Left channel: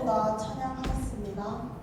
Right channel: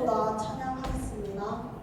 그대로다 찬양하겠습니다.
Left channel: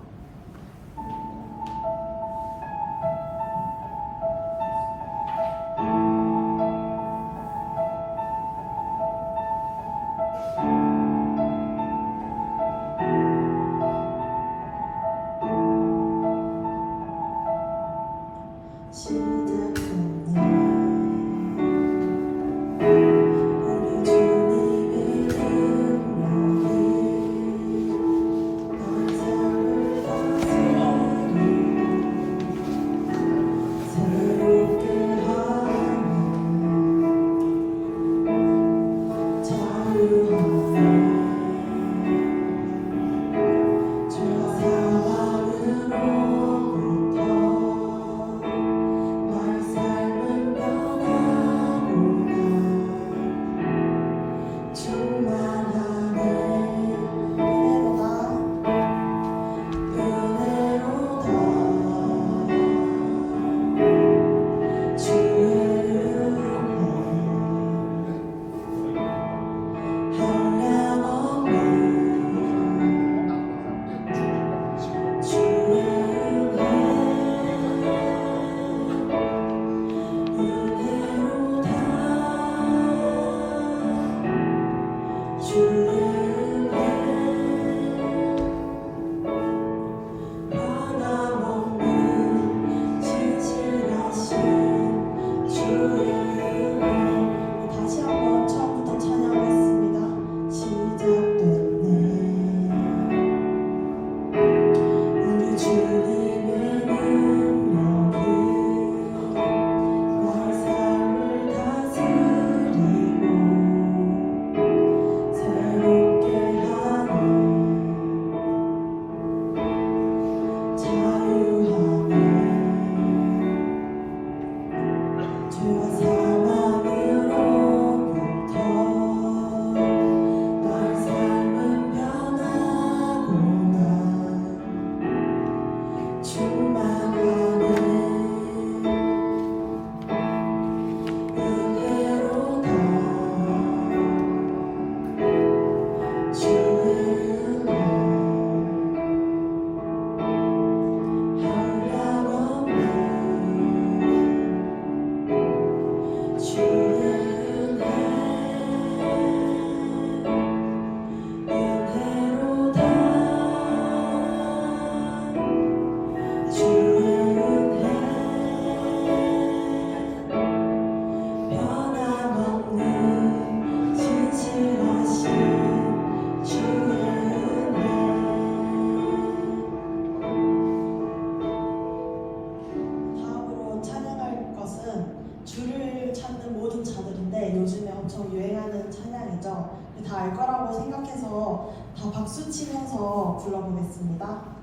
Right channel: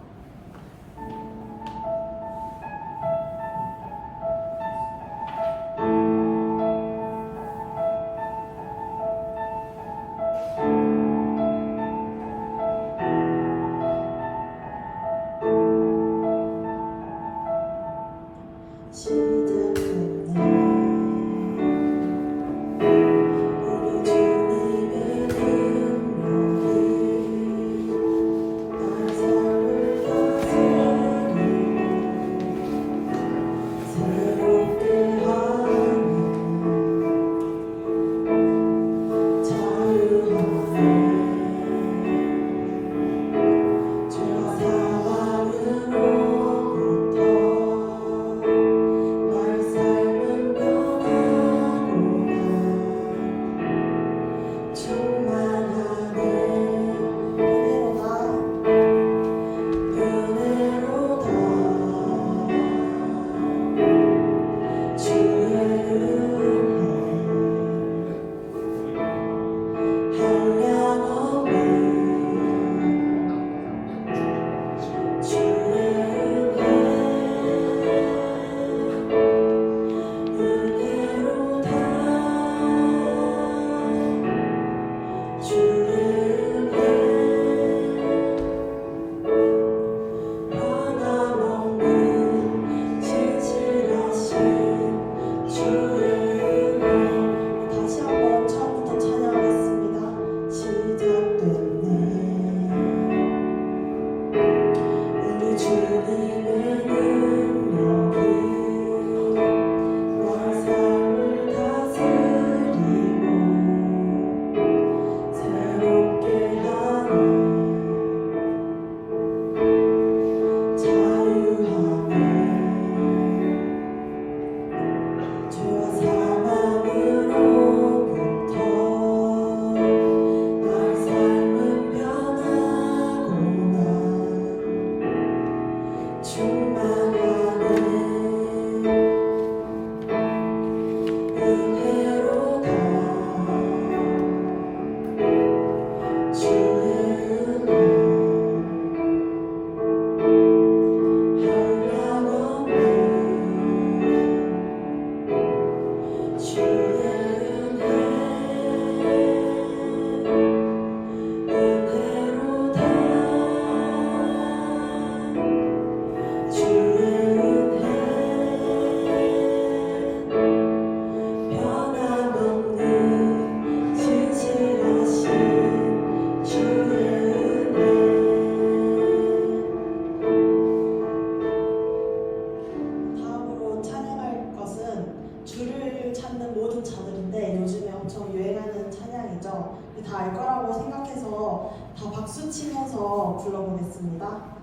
요즘에 엄청 유행하는 찬양이죠. 다 알 거라고 생각해서 다 박수 치면서 불러보겠습니다.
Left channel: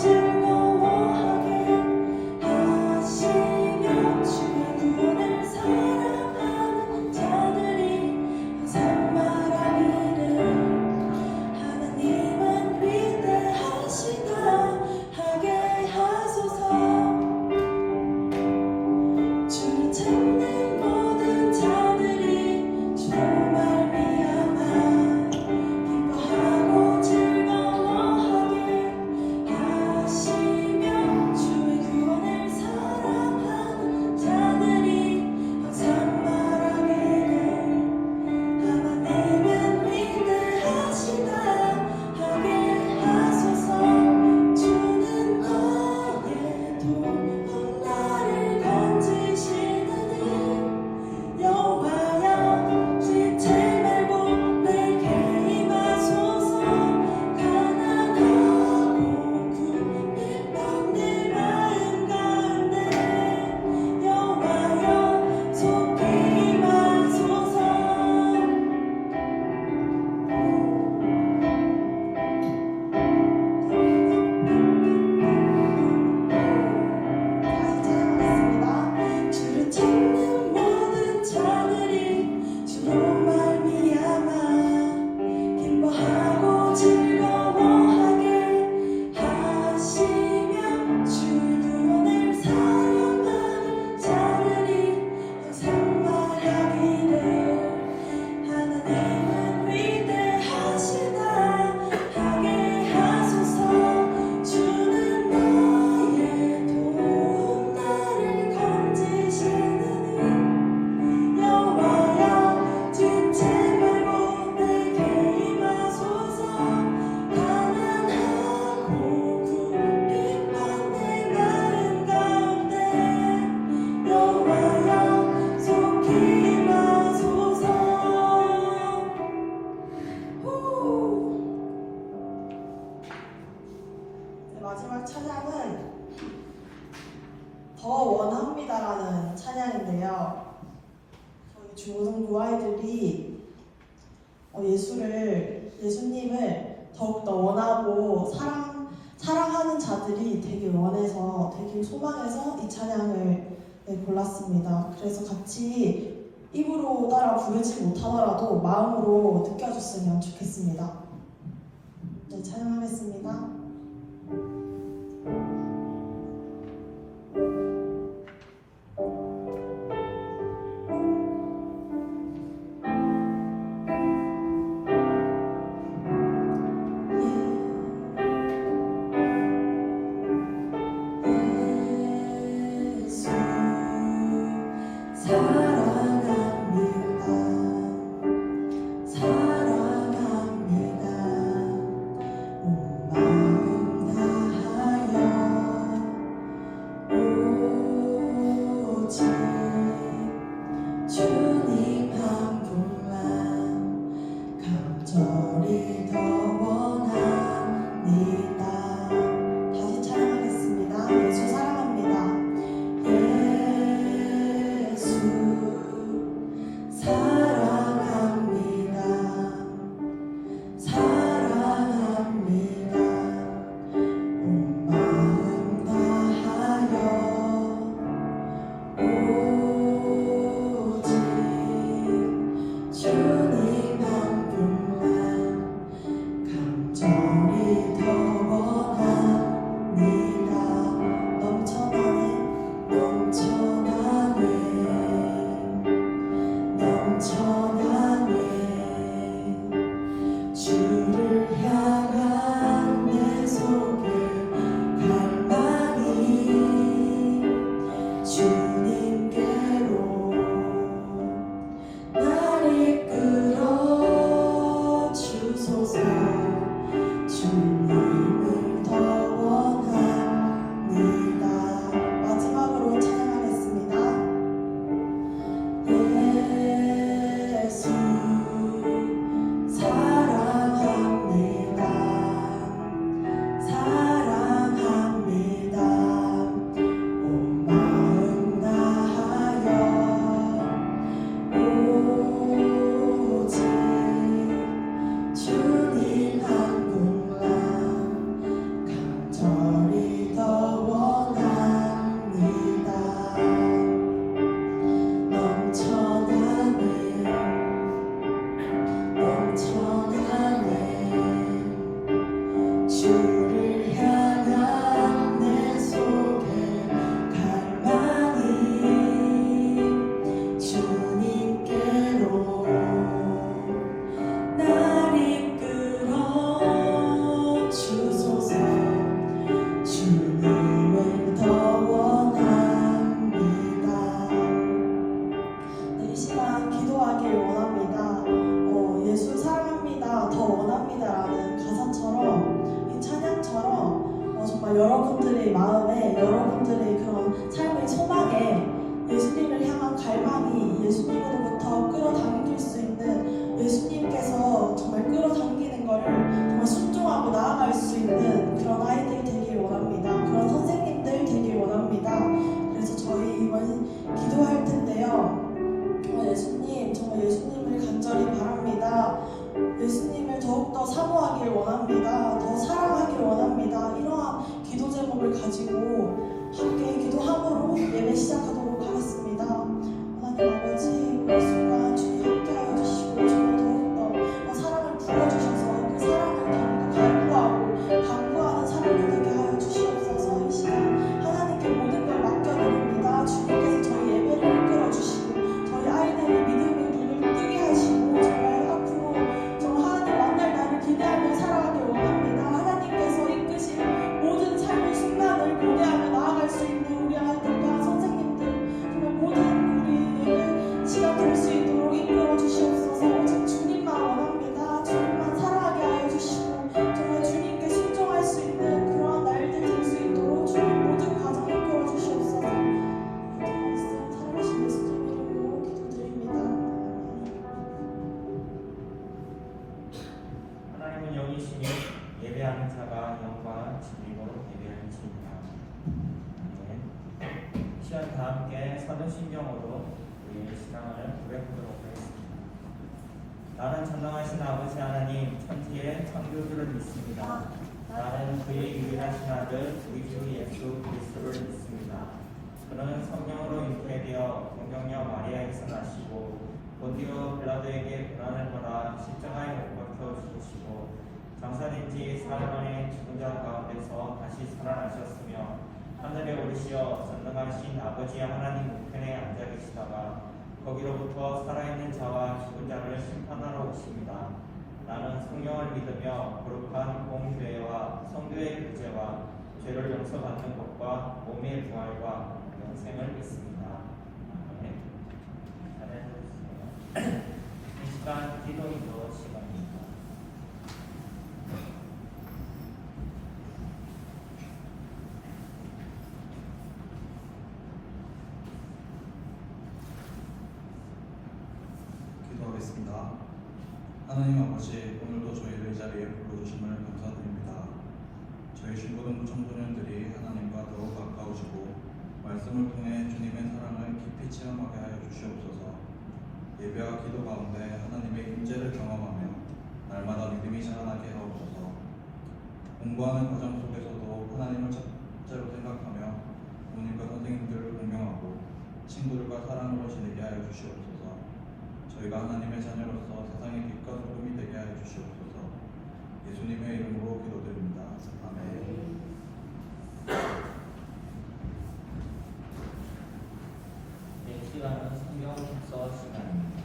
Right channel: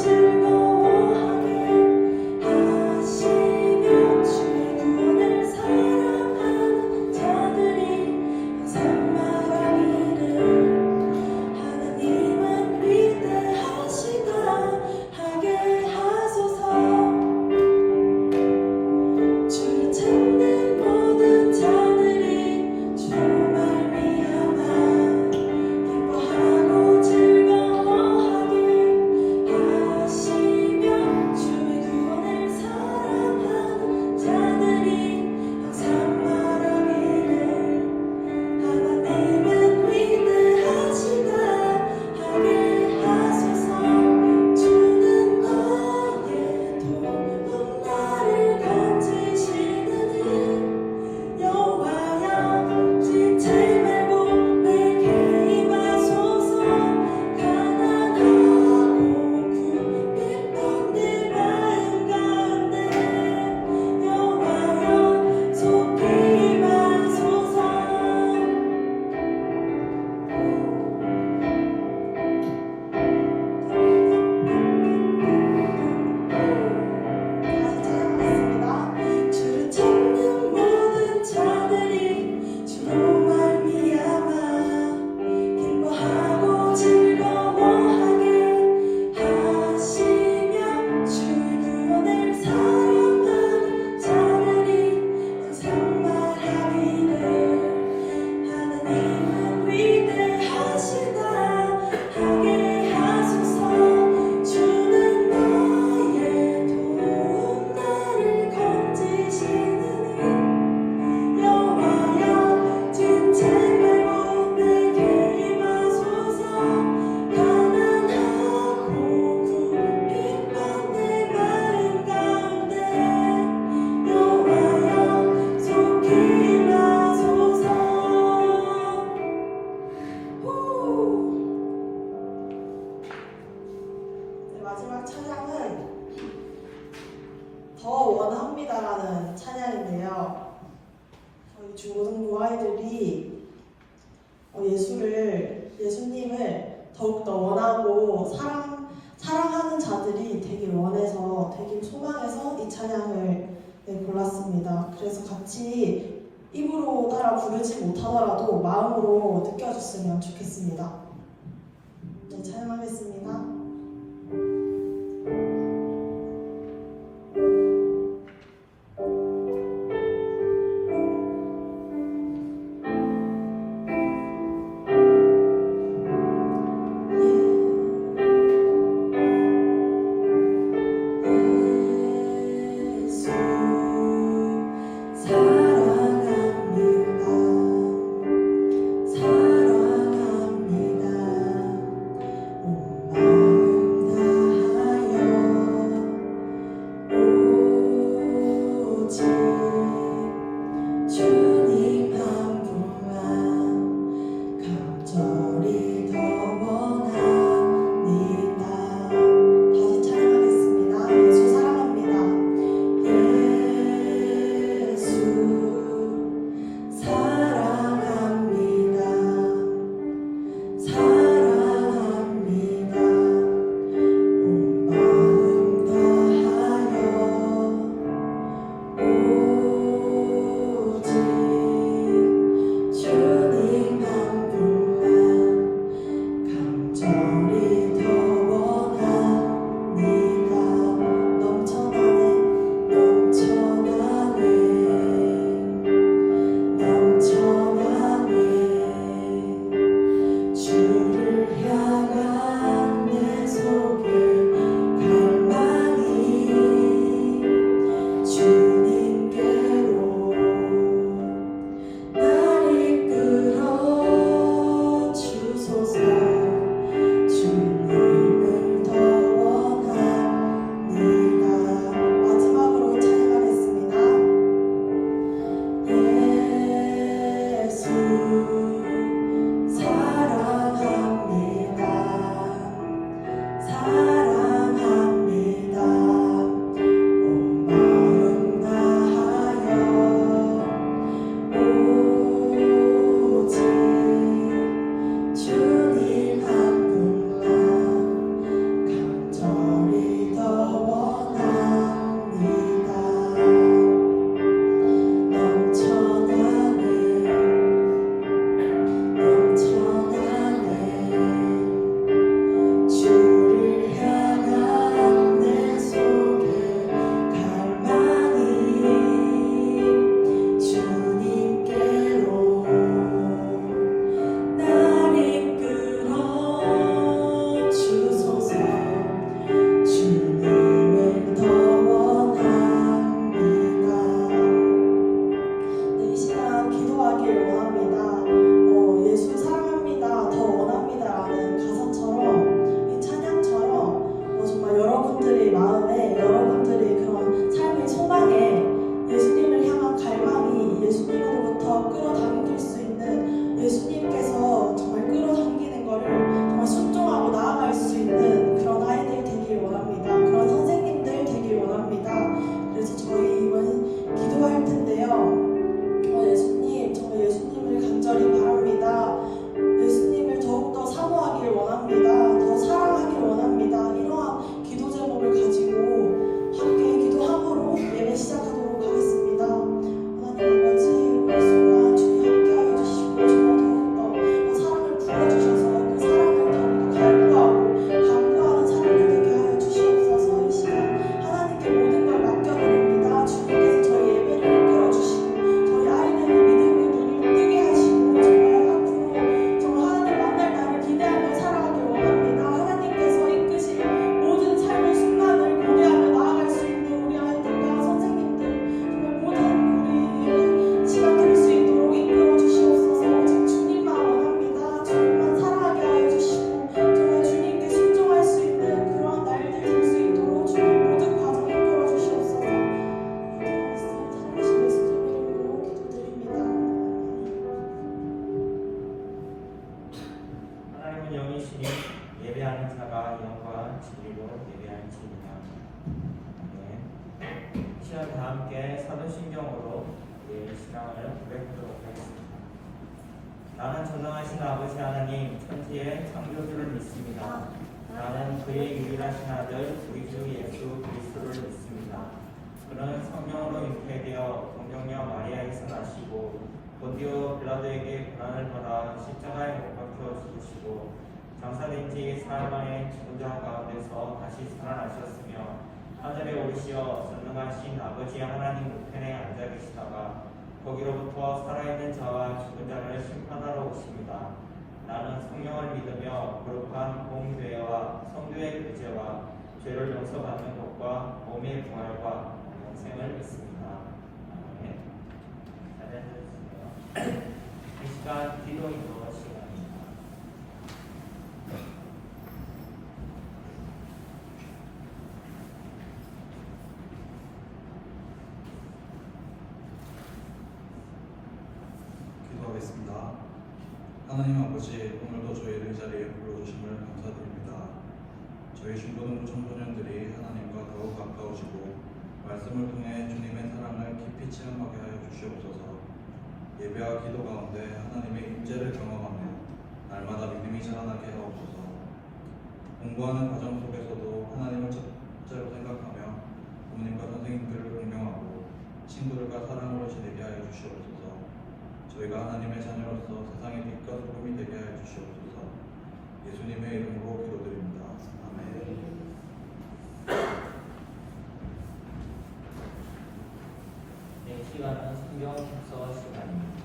즐거워하게 하시며 주를 마지막 찬양은 더 원합니다라는 찬양인데요. 저희 중고등부 아이들이 예수님을 더욱더 원하고 사랑하는 자들이 되게 원해서 되게 소망해서 이 찬양을 골랐습니다. 그래서 같이 입으로 따라 부르지 못하더라도 마음으로 느껴줬으면 좋겠습니다. 네, 찬양하겠습니다. 여러분들의 마음에 여러분들의 그런 삶의 소망에 예수님을 향한 갈망이 예수님으로부터 끌어당길 수 있는 예수님께서 정말 끌어당기는 것을 정말 순종하고 나아갈 수 있는 그런 아이들 되길 원합니다. 그런 선생님들 되길 원합니다. 그래서 저희 이번 기도할 텐데요. 예수님, 정말 예수님을 간절히 바랍니다. 예수님을 더욱더 사모하길 원합니다. 더 사랑하길 원합니다. 이러한 기도 제목을 가지고 함께 기도함으로 예배 시작하도록 하겠습니다. 하나님 아버지, 이 순간 주님 함께하여 주시고 정말 더욱더 사랑을 부어주셔서 그 사랑을 더욱더 갈구하는 사람이 되게 하여 주시옵소서. 이 시간 하나님께 모든 걸 맡겨드립니다. 주님께서 저희 예배를 이끌어주시고 저희 아이들의 믿음의 눈을 뜨게 하시고 정말 앞으로 정말 하나님 만날 날을 기대하며 살아가길 원합니다. 하나님께서 이끄신 모든 삶의 순간을 고대하며 나아갈 수 있는 우리 아이들과 선생님들 정말 모든 우리 시간 될 수 있도록 이끌어 주시옵소서. 오직 주님만 원합니다. 주님만 사랑하게 하여 주시고 정말 주님께 순종할 수 있는 그러한 날들 될 수 있도록 주님 모든 과정 이끌어 주시옵소서. 살아계신 예수님 이름으로 기도드립니다. 하나님은 영이시니 예배하는 자가 영과 진리로 예배할지니라. 아멘. 이 시간 다 함께 사도신경으로 우리의 신앙을 고백하도록 하겠습니다. 나는 전능하신 아버지 하나님 천지의 창조주를 믿습니다. 나는 그의 유일하신 아들 우리 주 예수 그리스도를 믿습니다. 그는 성령으로 잉태되어 동정녀 마리아에서 나시고 본디오 빌라도에게 고난을 받아 십자가에 못 박혀 죽으시고 장사된 지 사흘 만에 죽은 자 가운데서 다시 살아나셨으며 하늘에 오르시어 전능하신 아버지 하나님 우편에 앉아 계시다가 거기로부터 살아있는 자와 죽은 자를 심판하러 오십니다. 나는 성령을 믿으며 거룩한 공교회와 성교의 교제와 죄를 용서받는 것과 몸의 부활과 영생을 믿습니다. 아멘. 잘해주세요. 이 시간 기도이도 시간입니다. 기도하겠습니다. 하나님 아버지, 오늘도 저희를 자리에 불러주심을 감사드립니다. 저희 신부는 청소년들이 하나님과 더욱 가까우시고 말씀을 통해 주님의 사랑을 깊이 체험하게 하여 주시옵소서. 예배와 기도 가운데 하나님의 임재를 경험하며 날마다 믿음이 자라나게 하옵소서. 공부하는 과정 속에서도 하나님을 첫째로 생각하며 부모님과 선생님들을 존경하고 친구들과 사랑으로 지내게 하여 주시옵소서. 저희가 하나님의 자녀로서 세상의 빛과 소금이 되게 하여 주시옵소서. 예수님의 이름으로 기도드립니다. 아멘. 이 시간은 성경 독서 시간입니다.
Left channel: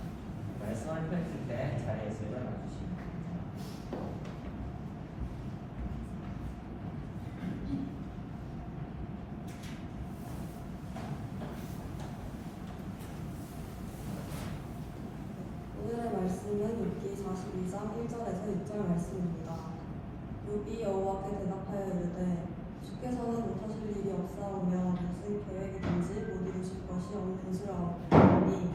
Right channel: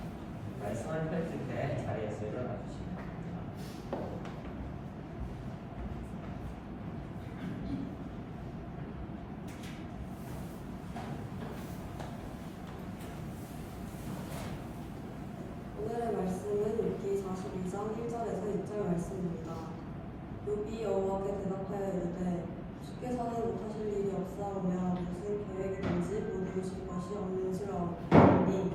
말씀을 펼칠 때 자리에서 일어나 주시기 바랍니다. 오늘의 말씀은 욥기 42장 1절에서 6절 말씀입니다. 욥이 여호와께 대답하여 이르되 주께서는 못하실 일이 없사오며 무슨 계획이든지 못 이루실 것이 없는 줄 아오니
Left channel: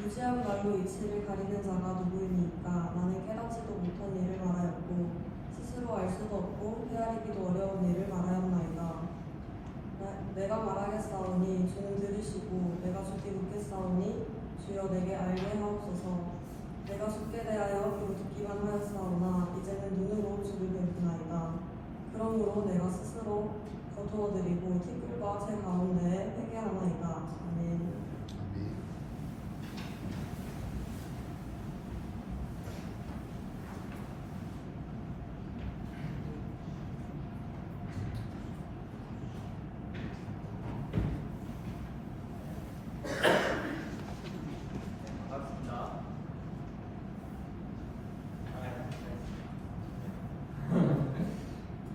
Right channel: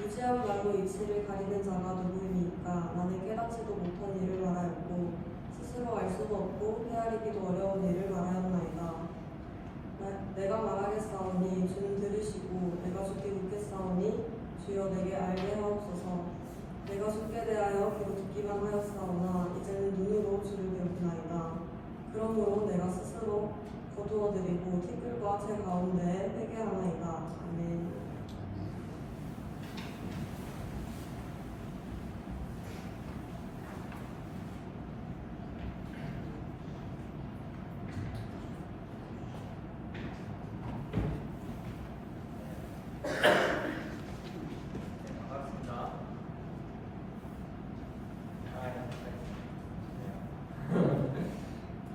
무지한 말로 익심을 가리는 자가 누구입니까? 나는 깨닫지도 못한 일을 말하였고 스스로 알 수도 없고 헤아리기도 어려운 일을 말하였나이다. 내가 말하겠사오니 주는 들으시고 내가 죽게 묻겠사오니 주여 내게 알게 하옵소서. 내가 죽게 대하여 겨우 듣기만 하였사오나 이제는 눈으로 주를 뵙나이다. 그러므로 내가 스스로 거두어드리고 티끌과 제 가운데에 회개하나이다. 아멘. 반갑습니다.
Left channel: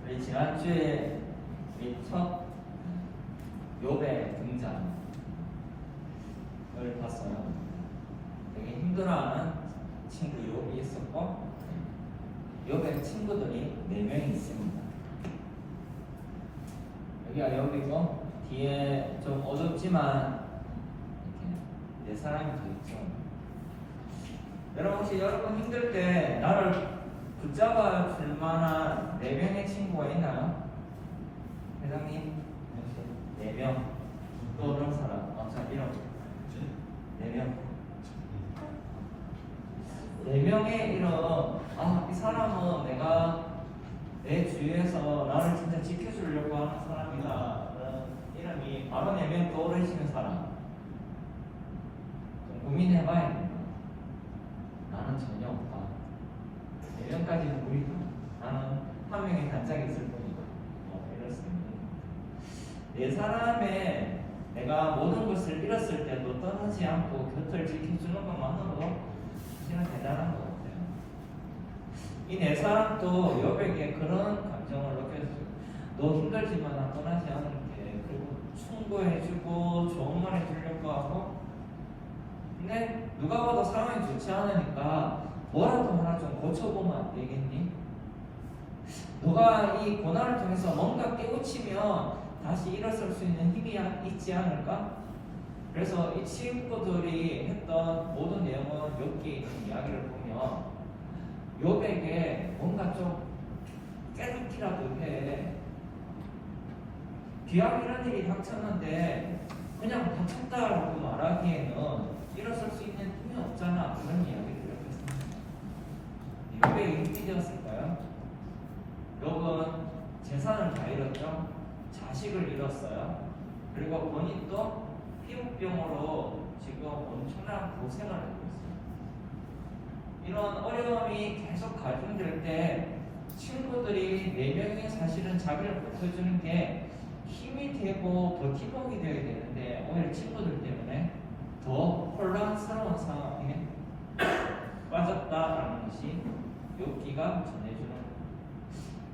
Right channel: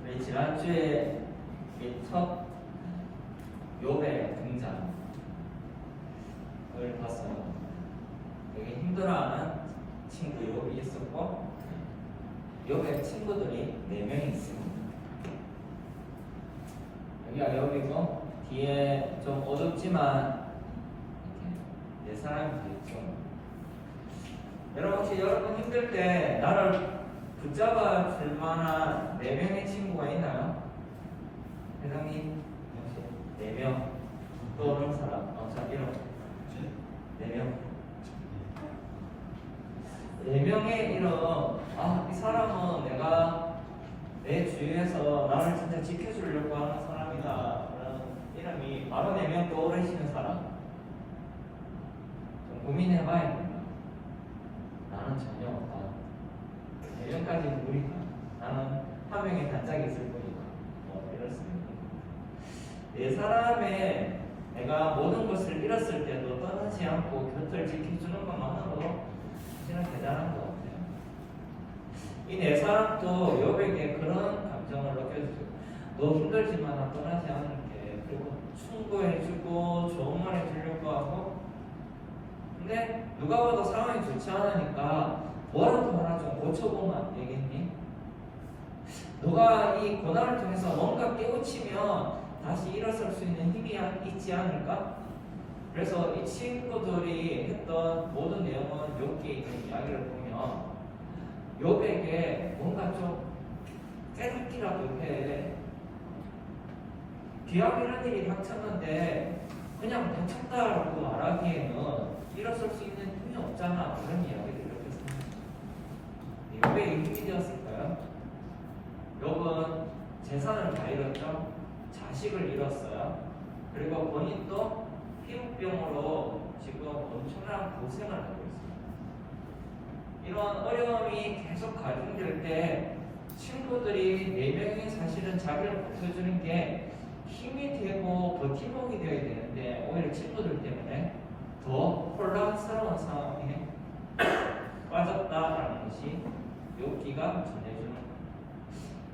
우리 지난주에 첫 욥의 등장 여기 봤어요. 되게 힘들어하는 친구 욥이 있었고 욥의 친구들이 4명이 있습니다. 여기가 욥이고 뒤에 좀 어둡지만 내 사람이 있죠. 여러분 혹시 여러분 힘들 때 나를 붙잡아 줄 만한 4명의 친구가 있나요? 회장님 4명 떠오르는 사람 자 이름 4명 4명의 이름 이 사람은 내가 내 주위에서 나를 진짜 지켜주려고 하는 사람이다 그런 이름이 바로 4명 떠오르시는 사람 좀 고민해봐야 됩니다. 나는 전혀 없다. 4명까지 누구일까? 나는 한 명의 단짝이 있을 뿐이다. 이렇습니다. 내 사람의 내가 모든 것을 잃었을 때도 떠나지 않고 곁을 지켜주는 것만으로도 진짜 대단한 것 같아요. 이 네 사람도 욥에게 그런 감정을 느껴주죠. 너 힘들지만 나 떠나지 않을게. 그리고 충고해주고 좋은 말 해주려고 하고 근데 누가 봐도 상황이 좋지 않으니까 뭐라도 하나 좀 고쳐보면 안 되겠니? 너가 이 고난을 통해서 뭔가 깨우치면 다시 일어설 수 있는 힘이 있지 않을까? 그래서 이 친구들이 했던 모든 내용은 욥기에 있는 이야기를 보면 욥에게 뭔가 좀 뒤하고 이런 일이 닥쳤는데 그냥 닥쳤다라고 말하기에는 일어설 수 있는 힘이 없잖아. 이런 이야기를 이렇게 삽니다. 이게 왜 일찍이었을까요? 여러분 재산을 다 잃었죠. 자식을 잃었어요. 그리고 본인도 피부병으로 지금 엄청난 고생을 하고 있어요. 이런 어려움이 계속 가중될 때 친구들이 4명이 사실은 자기를 버텨주는 게 힘이 되고 버팀목이 되어야 되는데 오히려 친구들 때문에 더 혼란스러운 상황에 빠졌다라는 것이 욥기가 전해주는 거예요.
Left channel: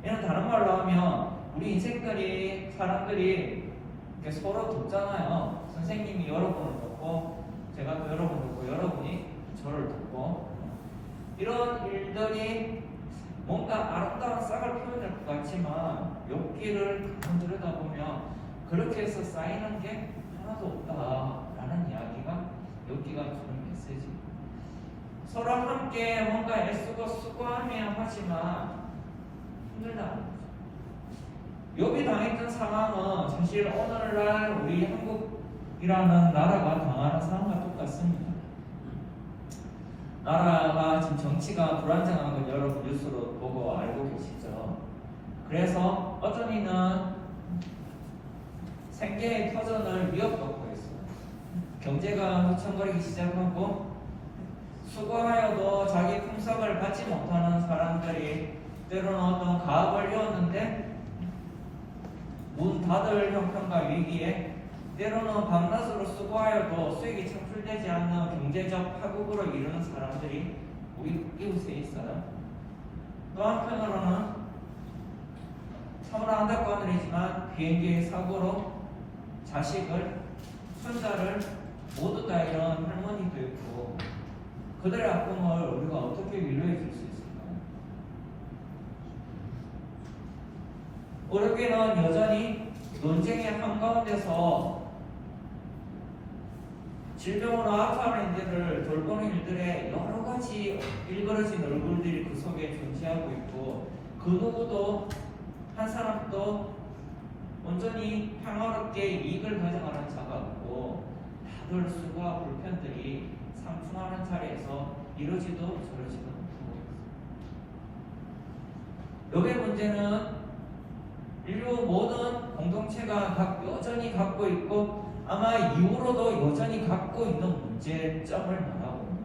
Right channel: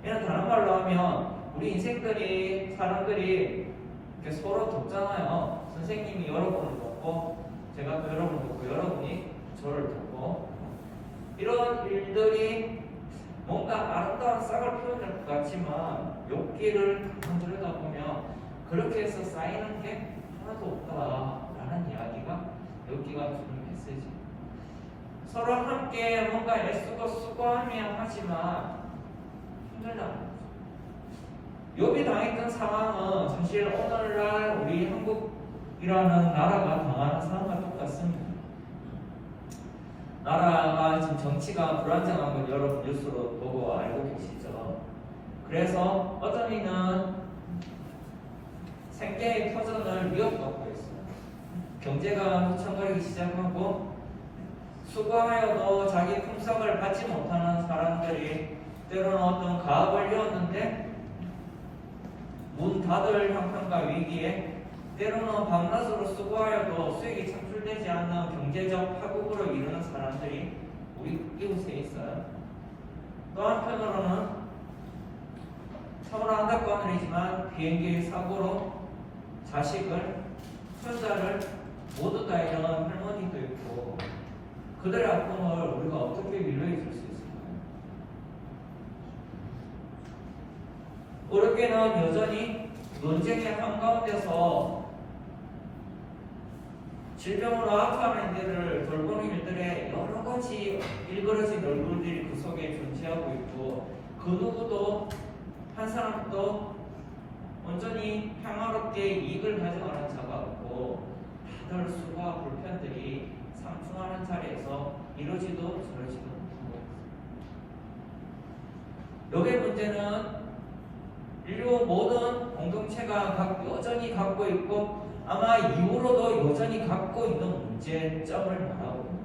이런 다른 말로 하면 우리 인생들이 사람들이 이렇게 서로 돕잖아요. 선생님이 여러분을 돕고 제가 또 여러분을 돕고 여러분이 저를 돕고 이런 일들이 뭔가 아름다운 싹을 피워낼 것 같지만 욥기를 가만 들여다보면 그렇게 해서 쌓이는 게 하나도 없다라는 이야기가 욥기가 주는 메시지. 서로 함께 뭔가 애쓰고 수고하며 하지만 힘들다는 거죠. 욥이 당했던 상황은 사실 오늘날 우리 한국이라는 나라가 당하는 상황과 똑같습니다. 나라가 지금 정치가 불안정한 걸 여러분 뉴스로 보고 알고 계시죠. 그래서 어떤 이는 생계의 터전을 위협받고 있어요. 경제가 후천거리기 시작하고 수고하여도 자기 품삯을 받지 못하는 사람들이 때로는 어떤 가업을 이었는데 문 닫을 형편과 위기에 때로는 밤낮으로 수고하여도 수익이 창출되지 않는 경제적 파국으로 이르는 사람들이 우리 이웃에 있어요. 또 한편으로는 참으로 안타까운 일이지만 비행기 사고로 자식을, 손자를 모두 다 잃은 할머니도 있고 그들의 아픔을 우리가 어떻게 위로해 줄 수 있을까요? 우리에게는 여전히 논쟁의 한가운데서 질병으로 아파하는 이들을 돌보는 일들의 여러 가지 일그러진 얼굴들이 그 속에 존재하고 있고 그 누구도 한 사람도 온전히 평화롭게 이익을 가져가는 자가 없고 다들 수고와 불편들이 상충하는 자리에서 이러지도 저러지도 못하고 있습니다. 여기의 문제는 인류 모든 공동체가 여전히 갖고 있고 아마 이후로도 여전히 갖고 있는 문제점을 말하고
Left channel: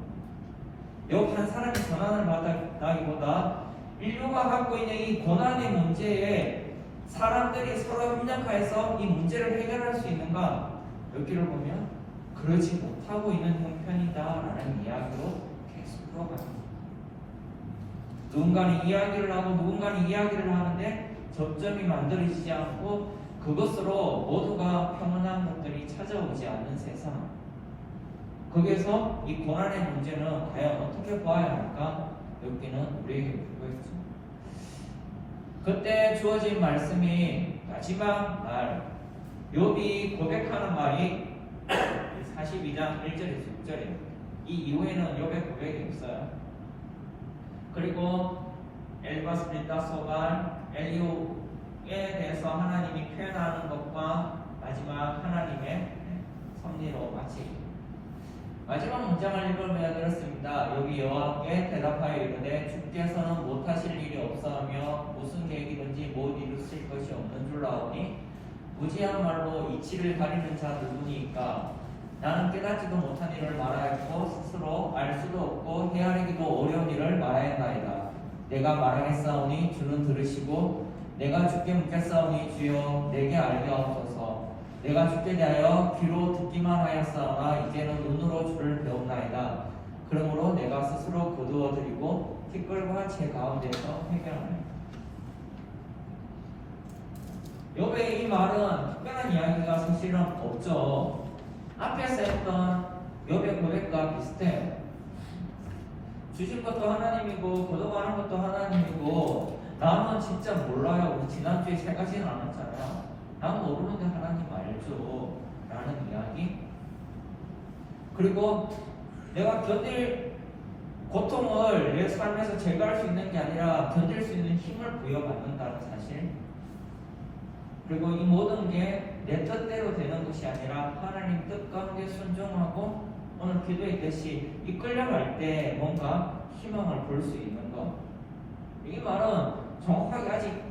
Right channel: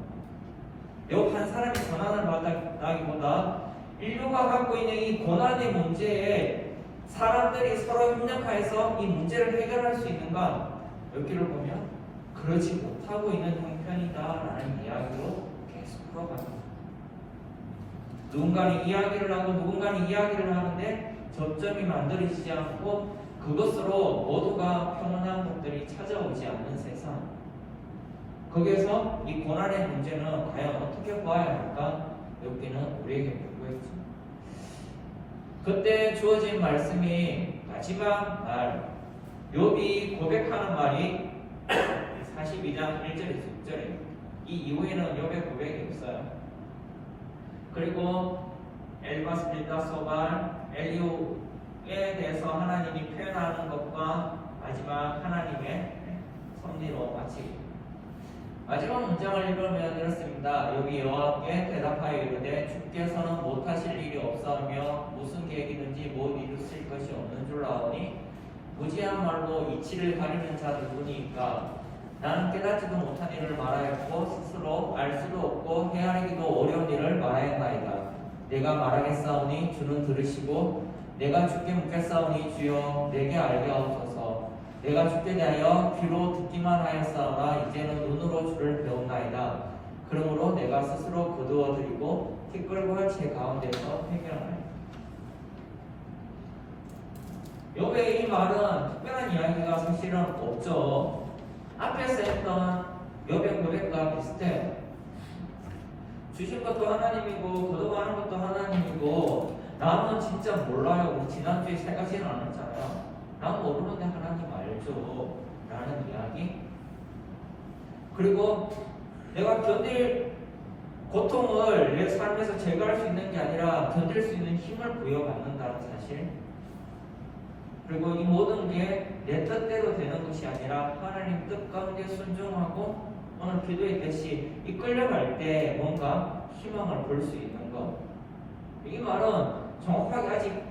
요 한 사람이 전환을 받다기보다 인류가 갖고 있는 이 고난의 문제에 사람들이 서로 협력하여서 이 문제를 해결할 수 있는가? 여기를 보면 그러지 못하고 있는 형편이다라는 이야기로 계속 풀어갑니다. 누군가는 이야기를 하고 누군가는 이야기를 하는데 접점이 만들어지지 않고 그것으로 모두가 평온한 것들이 찾아오지 않는 세상. 거기에서 이 고난의 문제는 과연 어떻게 봐야 할까? 여기는 우리에게 물고 있죠. 그때 주어진 말씀이 마지막 말, 욥이 고백하는 말이 42장 1절에서 6절이에요. 이 이후에는 욥의 고백이 없어요. 그리고 엘바스 빌다소발 엘리후에 대해서 하나님이 표현하는 것과 마지막 하나님의 섭리로 마치고 마지막 문장을 읽으면 이렇습니다. 여기 여호와께 대답하여 이르되 주께서는 못하실 일이 없사하며 무슨 계획이든지 못 이루실 것이 없는 줄 아오니 무지야말로 이치를 가리는 자 누구니까 나는 깨닫지도 못한 일을 말하였고 스스로 알 수도 없고 헤아리기도 어려운 일을 말하였나이다. 내가 말하겠사오니 주는 들으시고 내가 주께 묻겠사오니 주여 내게 알게 하옵소서. 내가 주께 대하여 귀로 듣기만 하였사오나 이제는 눈으로 주를 배운나이다. 그러므로 내가 스스로 거두어드리고 티끌과 제 가운데서 해결하리라. 욥의 이 말은 특별한 이야기가 사실은 없죠. 앞에서 했던 욥의 고백과 비슷해요. 주신 것도 하나님이고 거둬가는 것도 하나님이고 나는 진짜 몰라요. 우리 지난주에 세 가지는 안 했잖아요. 나는 모르는데 하나님 알죠 라는 이야기. 그리고 내가 견딜 고통을 내 삶에서 제거할 수 있는 게 아니라 견딜 수 있는 힘을 부여받는다는 사실. 그리고 이 모든 게 내 뜻대로 되는 것이 아니라 하나님 뜻 가운데 순종하고 오늘 기도했듯이 이끌려갈 때 뭔가 희망을 볼 수 있는 것. 이 말은 정확하게 아직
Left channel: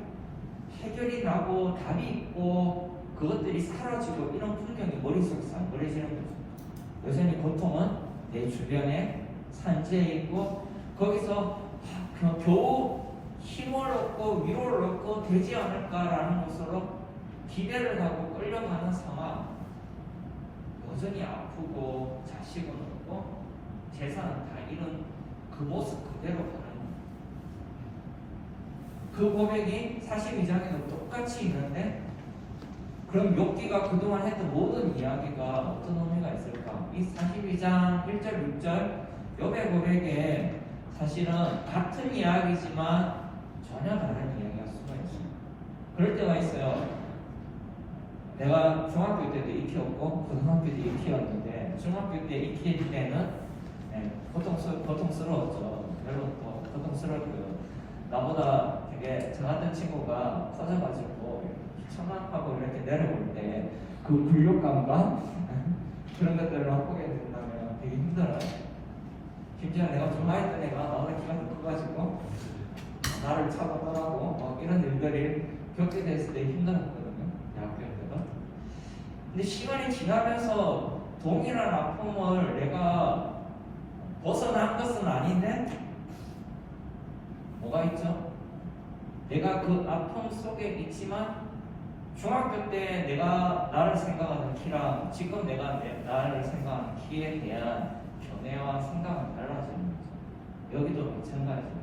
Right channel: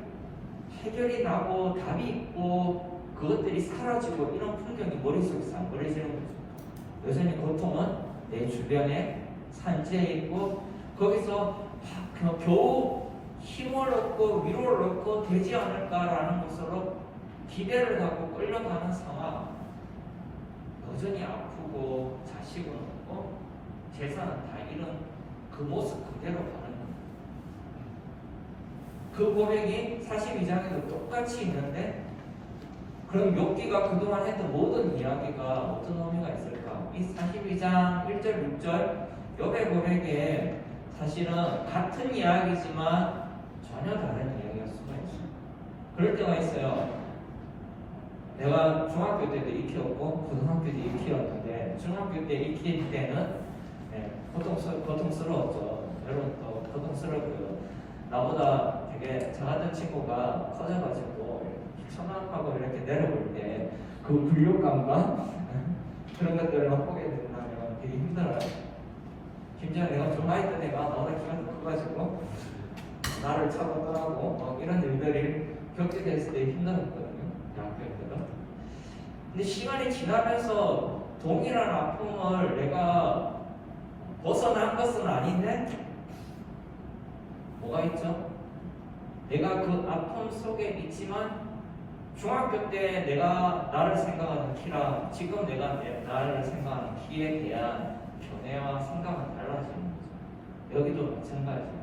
해결이 나고 답이 있고 그것들이 사라지고 이런 풍경이 머릿속에서 안 걸려지는 거죠. 여전히 고통은 내 주변에 산재해 있고 거기서 그냥 겨우 힘을 얻고 위로를 얻고 되지 않을까라는 것으로 기대를 하고 끌려가는 상황. 여전히 아프고 자식은 없고 재산은 다 잃은 그 모습 그대로 가는 거예요. 그 고백이 42장에도 똑같이 있는데 그럼 욥기가 그동안 했던 모든 이야기가 어떤 의미가 있을까? 이 42장 1절 6절 욥의 고백에 사실은 같은 이야기지만 전혀 다른 이야기가 숨어 있어요. 그럴 때가 있어요. 내가 중학교 때도 익히었고 고등학교 때 익히었는데 중학교 때 익힐 때는 고통스러웠죠. 여러분 또 고통스럽고요. 나보다 되게 작은 친구가 커져가지고 청학하고 이렇게 내려올 때 그 굴욕감과 그런 것들을 맛보게 된다면 되게 힘들어요. 심지어 내가 좀 나이 때 내가 너무 키가 커가지고 나를 차고 떠나고 이런 일들이 겪게 됐을 때 힘들었거든요. 대학교 때도. 근데 시간이 지나면서 동일한 아픔을 내가 벗어난 것은 아닌데 뭐가 있죠? 내가 그 아픔 속에 있지만 중학교 때 내가 나를 생각하는 키랑 지금 내가 나를 생각하는 키에 대한 견해와 생각은 달라지는 거죠. 여기도 마찬가지예요.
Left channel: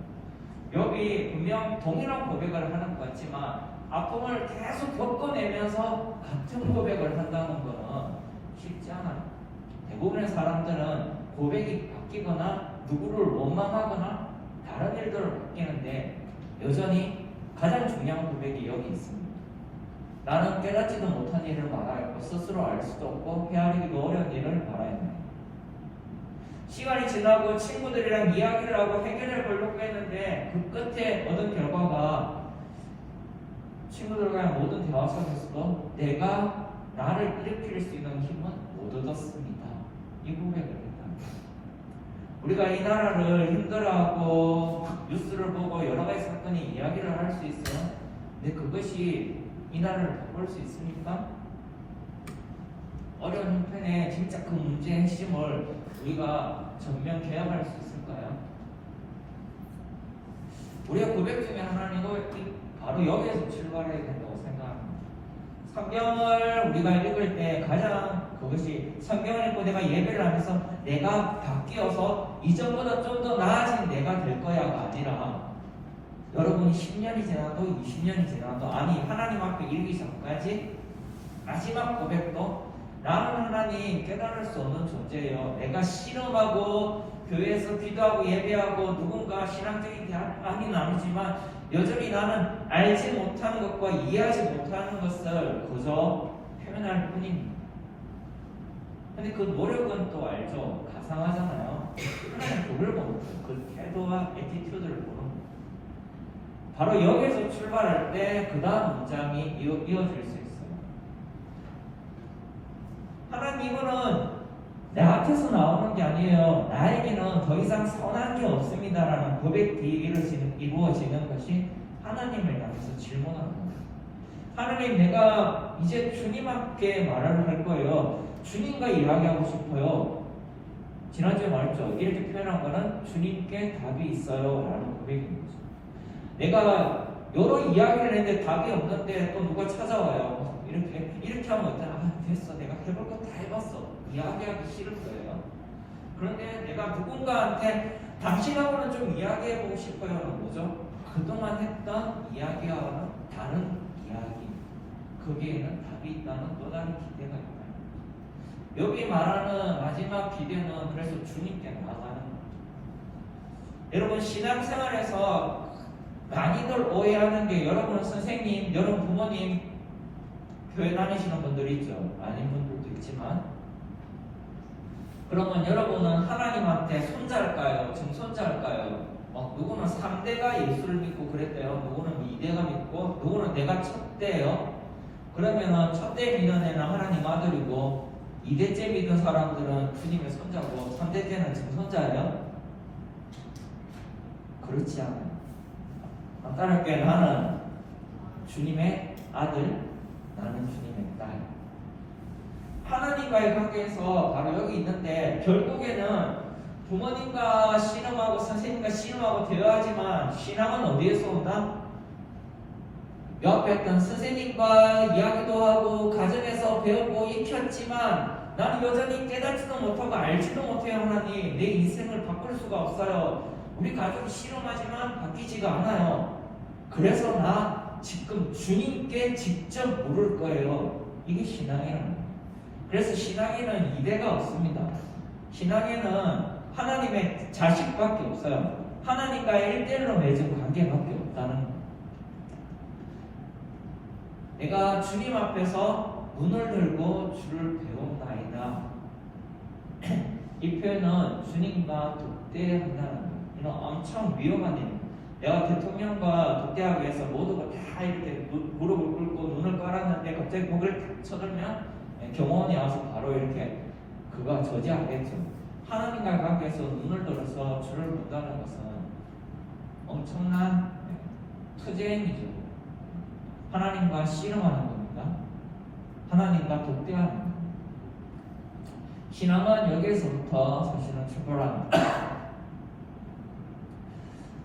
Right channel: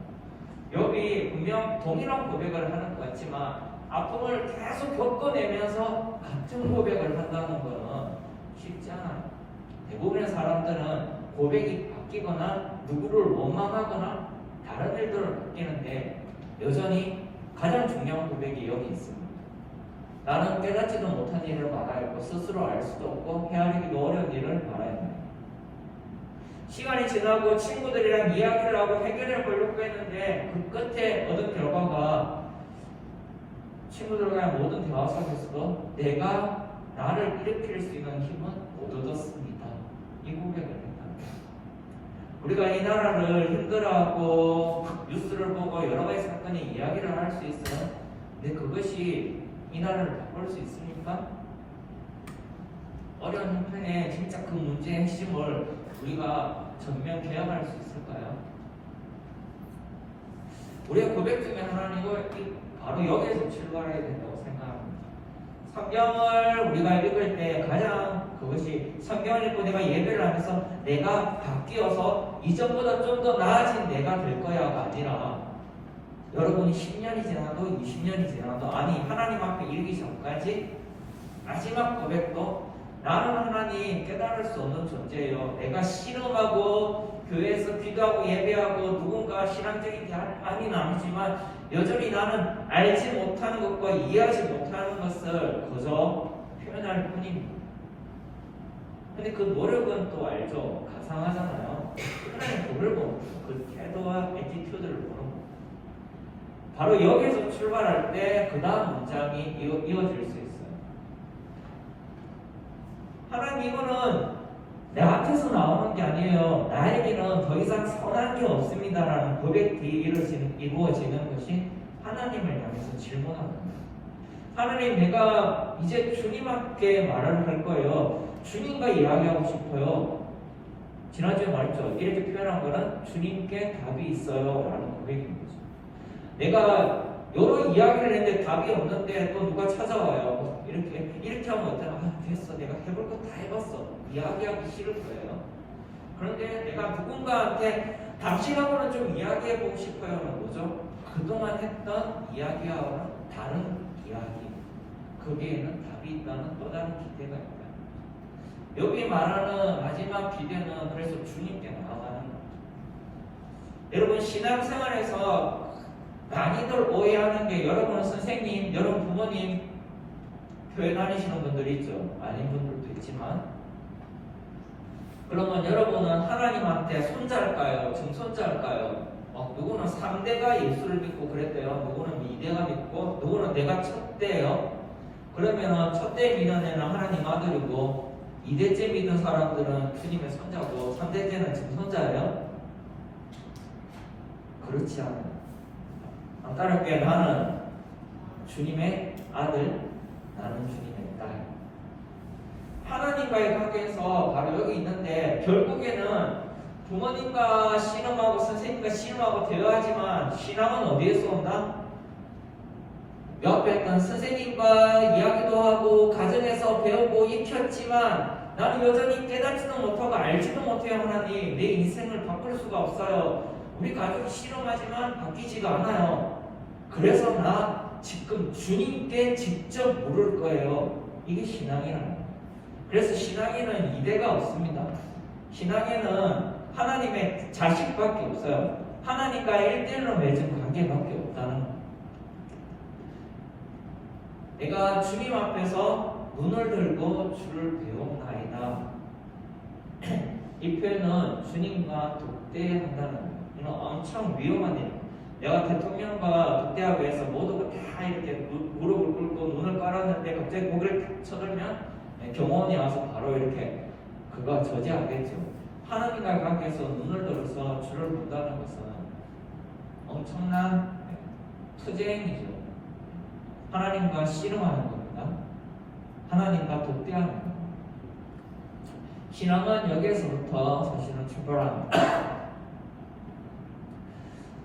욥이 분명 동일한 고백을 하는 것 같지만 아픔을 계속 겪어내면서 같은 고백을 한다는 것은 쉽지 않아요. 대부분의 사람들은 고백이 바뀌거나 누구를 원망하거나 다른 일들을 바뀌는데 여전히 가장 중요한 고백이 여기 있습니다. 나는 깨닫지도 못한 일을 말하였고 스스로 알 수도 없고 헤아리기도 어려운 일을 말하였네. 시간이 지나고 친구들이랑 이야기를 하고 해결을 보려고 했는데 그 끝에 얻은 결과가 친구들과의 모든 대화 속에서도 내가 나를 일으킬 수 있는 힘은 못 얻었습니다. 이 고백을 했다. 우리가 이 나라를 힘들어하고 뉴스를 보고 여러 가지 사건의 이야기를 할 수 있어요. 근데 그것이 이 나라를 바꿀 수 있습니까? 어려운 형편에 진짜 그 문제의 핵심을 우리가 전면 개혁할 수 있을까요? 우리가 고백 중에 하나는 바로 여기에서 출발해야 된다고 생각합니다. 성경을 우리가 읽을 때 가장 그것이 성경을 읽고 내가 예배를 하면서 내가 바뀌어서 이전보다 좀 더 나아진 내가 될 거야가 아니라 여러분이 10년이 지나도 20년이 지나도 아니 하나님 앞에 이르기 전까지 마지막 고백도 나는 하나님 깨달을 수 없는 존재예요. 내가 씨름하고 교회에서 기도하고 예배하고 누군가 신앙적인 아닌 아니지만 여전히 나는 알지 못하는 것과 이해하지 못하는 것을 그저 표현할 뿐입니다. 근데 그 노력은 또 알죠. 가상하잖아요. 하나님 그걸 보는 그 태도와 애티튜드를 보는 바로 여기서 출발할 때 그 다음 문장이 이어질 수 있어요. 하나님은 내 앞에서 나오는 게 아니에요. 나에게는 더 이상 선한 게 없습니다라는 고백 뒤에 이루어지는 것이 하나님을 향해서 질문하는 거예요. 하나님, 내가 이제 주님께 말을 할 거예요. 주님과 이야기하고 싶어요. 지난주에 말했죠. 이렇게 표현한 거는 주님께 답이 있어요 라는 고백인 거죠. 내가 여러 이야기를 했는데 답이 없는데 또 누가 찾아와요. 이렇게 하면 어떠나 됐어. 내가 해볼 거 다 해봤어. 이야기하기 싫을 거예요. 그런데 내가 누군가한테 당신하고는 좀 이야기해보고 싶어요는 뭐죠? 그동안 했던 이야기와 다른 이야기. 거기에는 답이 있다는 또 다른 기대가 있다. 여기 말하는 마지막 기대는 그래서 주님께 나아가는 거죠. 여러분 신앙생활에서 많이들 오해하는 게 여러분은 선생님, 여러분 부모님, 교회 다니시는 분들이 있죠. 아닌 분들도 있지만 그러면 여러분은 하나님한테 손자일까요? 증손자일까요? 누구는 3대가 예수를 믿고 그랬대요. 누구는 2대가 믿고 누구는 내가 첫대예요. 그러면 첫째 믿는 애는 하나님 아들이고 2대째 믿는 사람들은 주님의 손자고 3대째는 지금 손자예요? 그렇지 않아요. 간단하게 나는 주님의 아들, 나는 주님의 딸. 하나님과의 관계에서 바로 여기 있는데 결국에는 부모님과 씨름하고 선생님과 씨름하고 대화하지만 신앙은 어디에서 온다? 옆에 있던 선생님과 이야기도 하고 가정에서 배우고 익혔지만 나는 여전히 깨닫지도 못하고 알지도 못해요. 하나님 내 인생을 바꿀 수가 없어요. 우리 가족이 씨름하지만 바뀌지가 않아요. 그래서 나 지금 주님께 직접 물을 거예요. 이게 신앙이에요. 그래서 신앙에는 이대가 없습니다. 신앙에는 하나님의 자식밖에 없어요. 하나님과의 1대1로 맺은 관계밖에 없다는 거예요. 내가 주님 앞에서 눈을 들고 주를 배우나이다. 이 표현은 주님과 독대한다는 거예요. 이건 엄청 위험한 일. 내가 대통령과 독대하기 위해서 모두가 다 이렇게 무릎을 꿇고 눈을 깔았는데 갑자기 고개를 탁 쳐들면 경호원이 와서 바로 이렇게 그거 저지하겠죠. 하나님과의 관계에서 눈을 들어서 주를 본다는 것은 엄청난 투쟁이죠. 하나님과 씨름하는 겁니다. 하나님과 독대하는 겁니다. 신앙은 여기에서부터 사실은 출발합니다.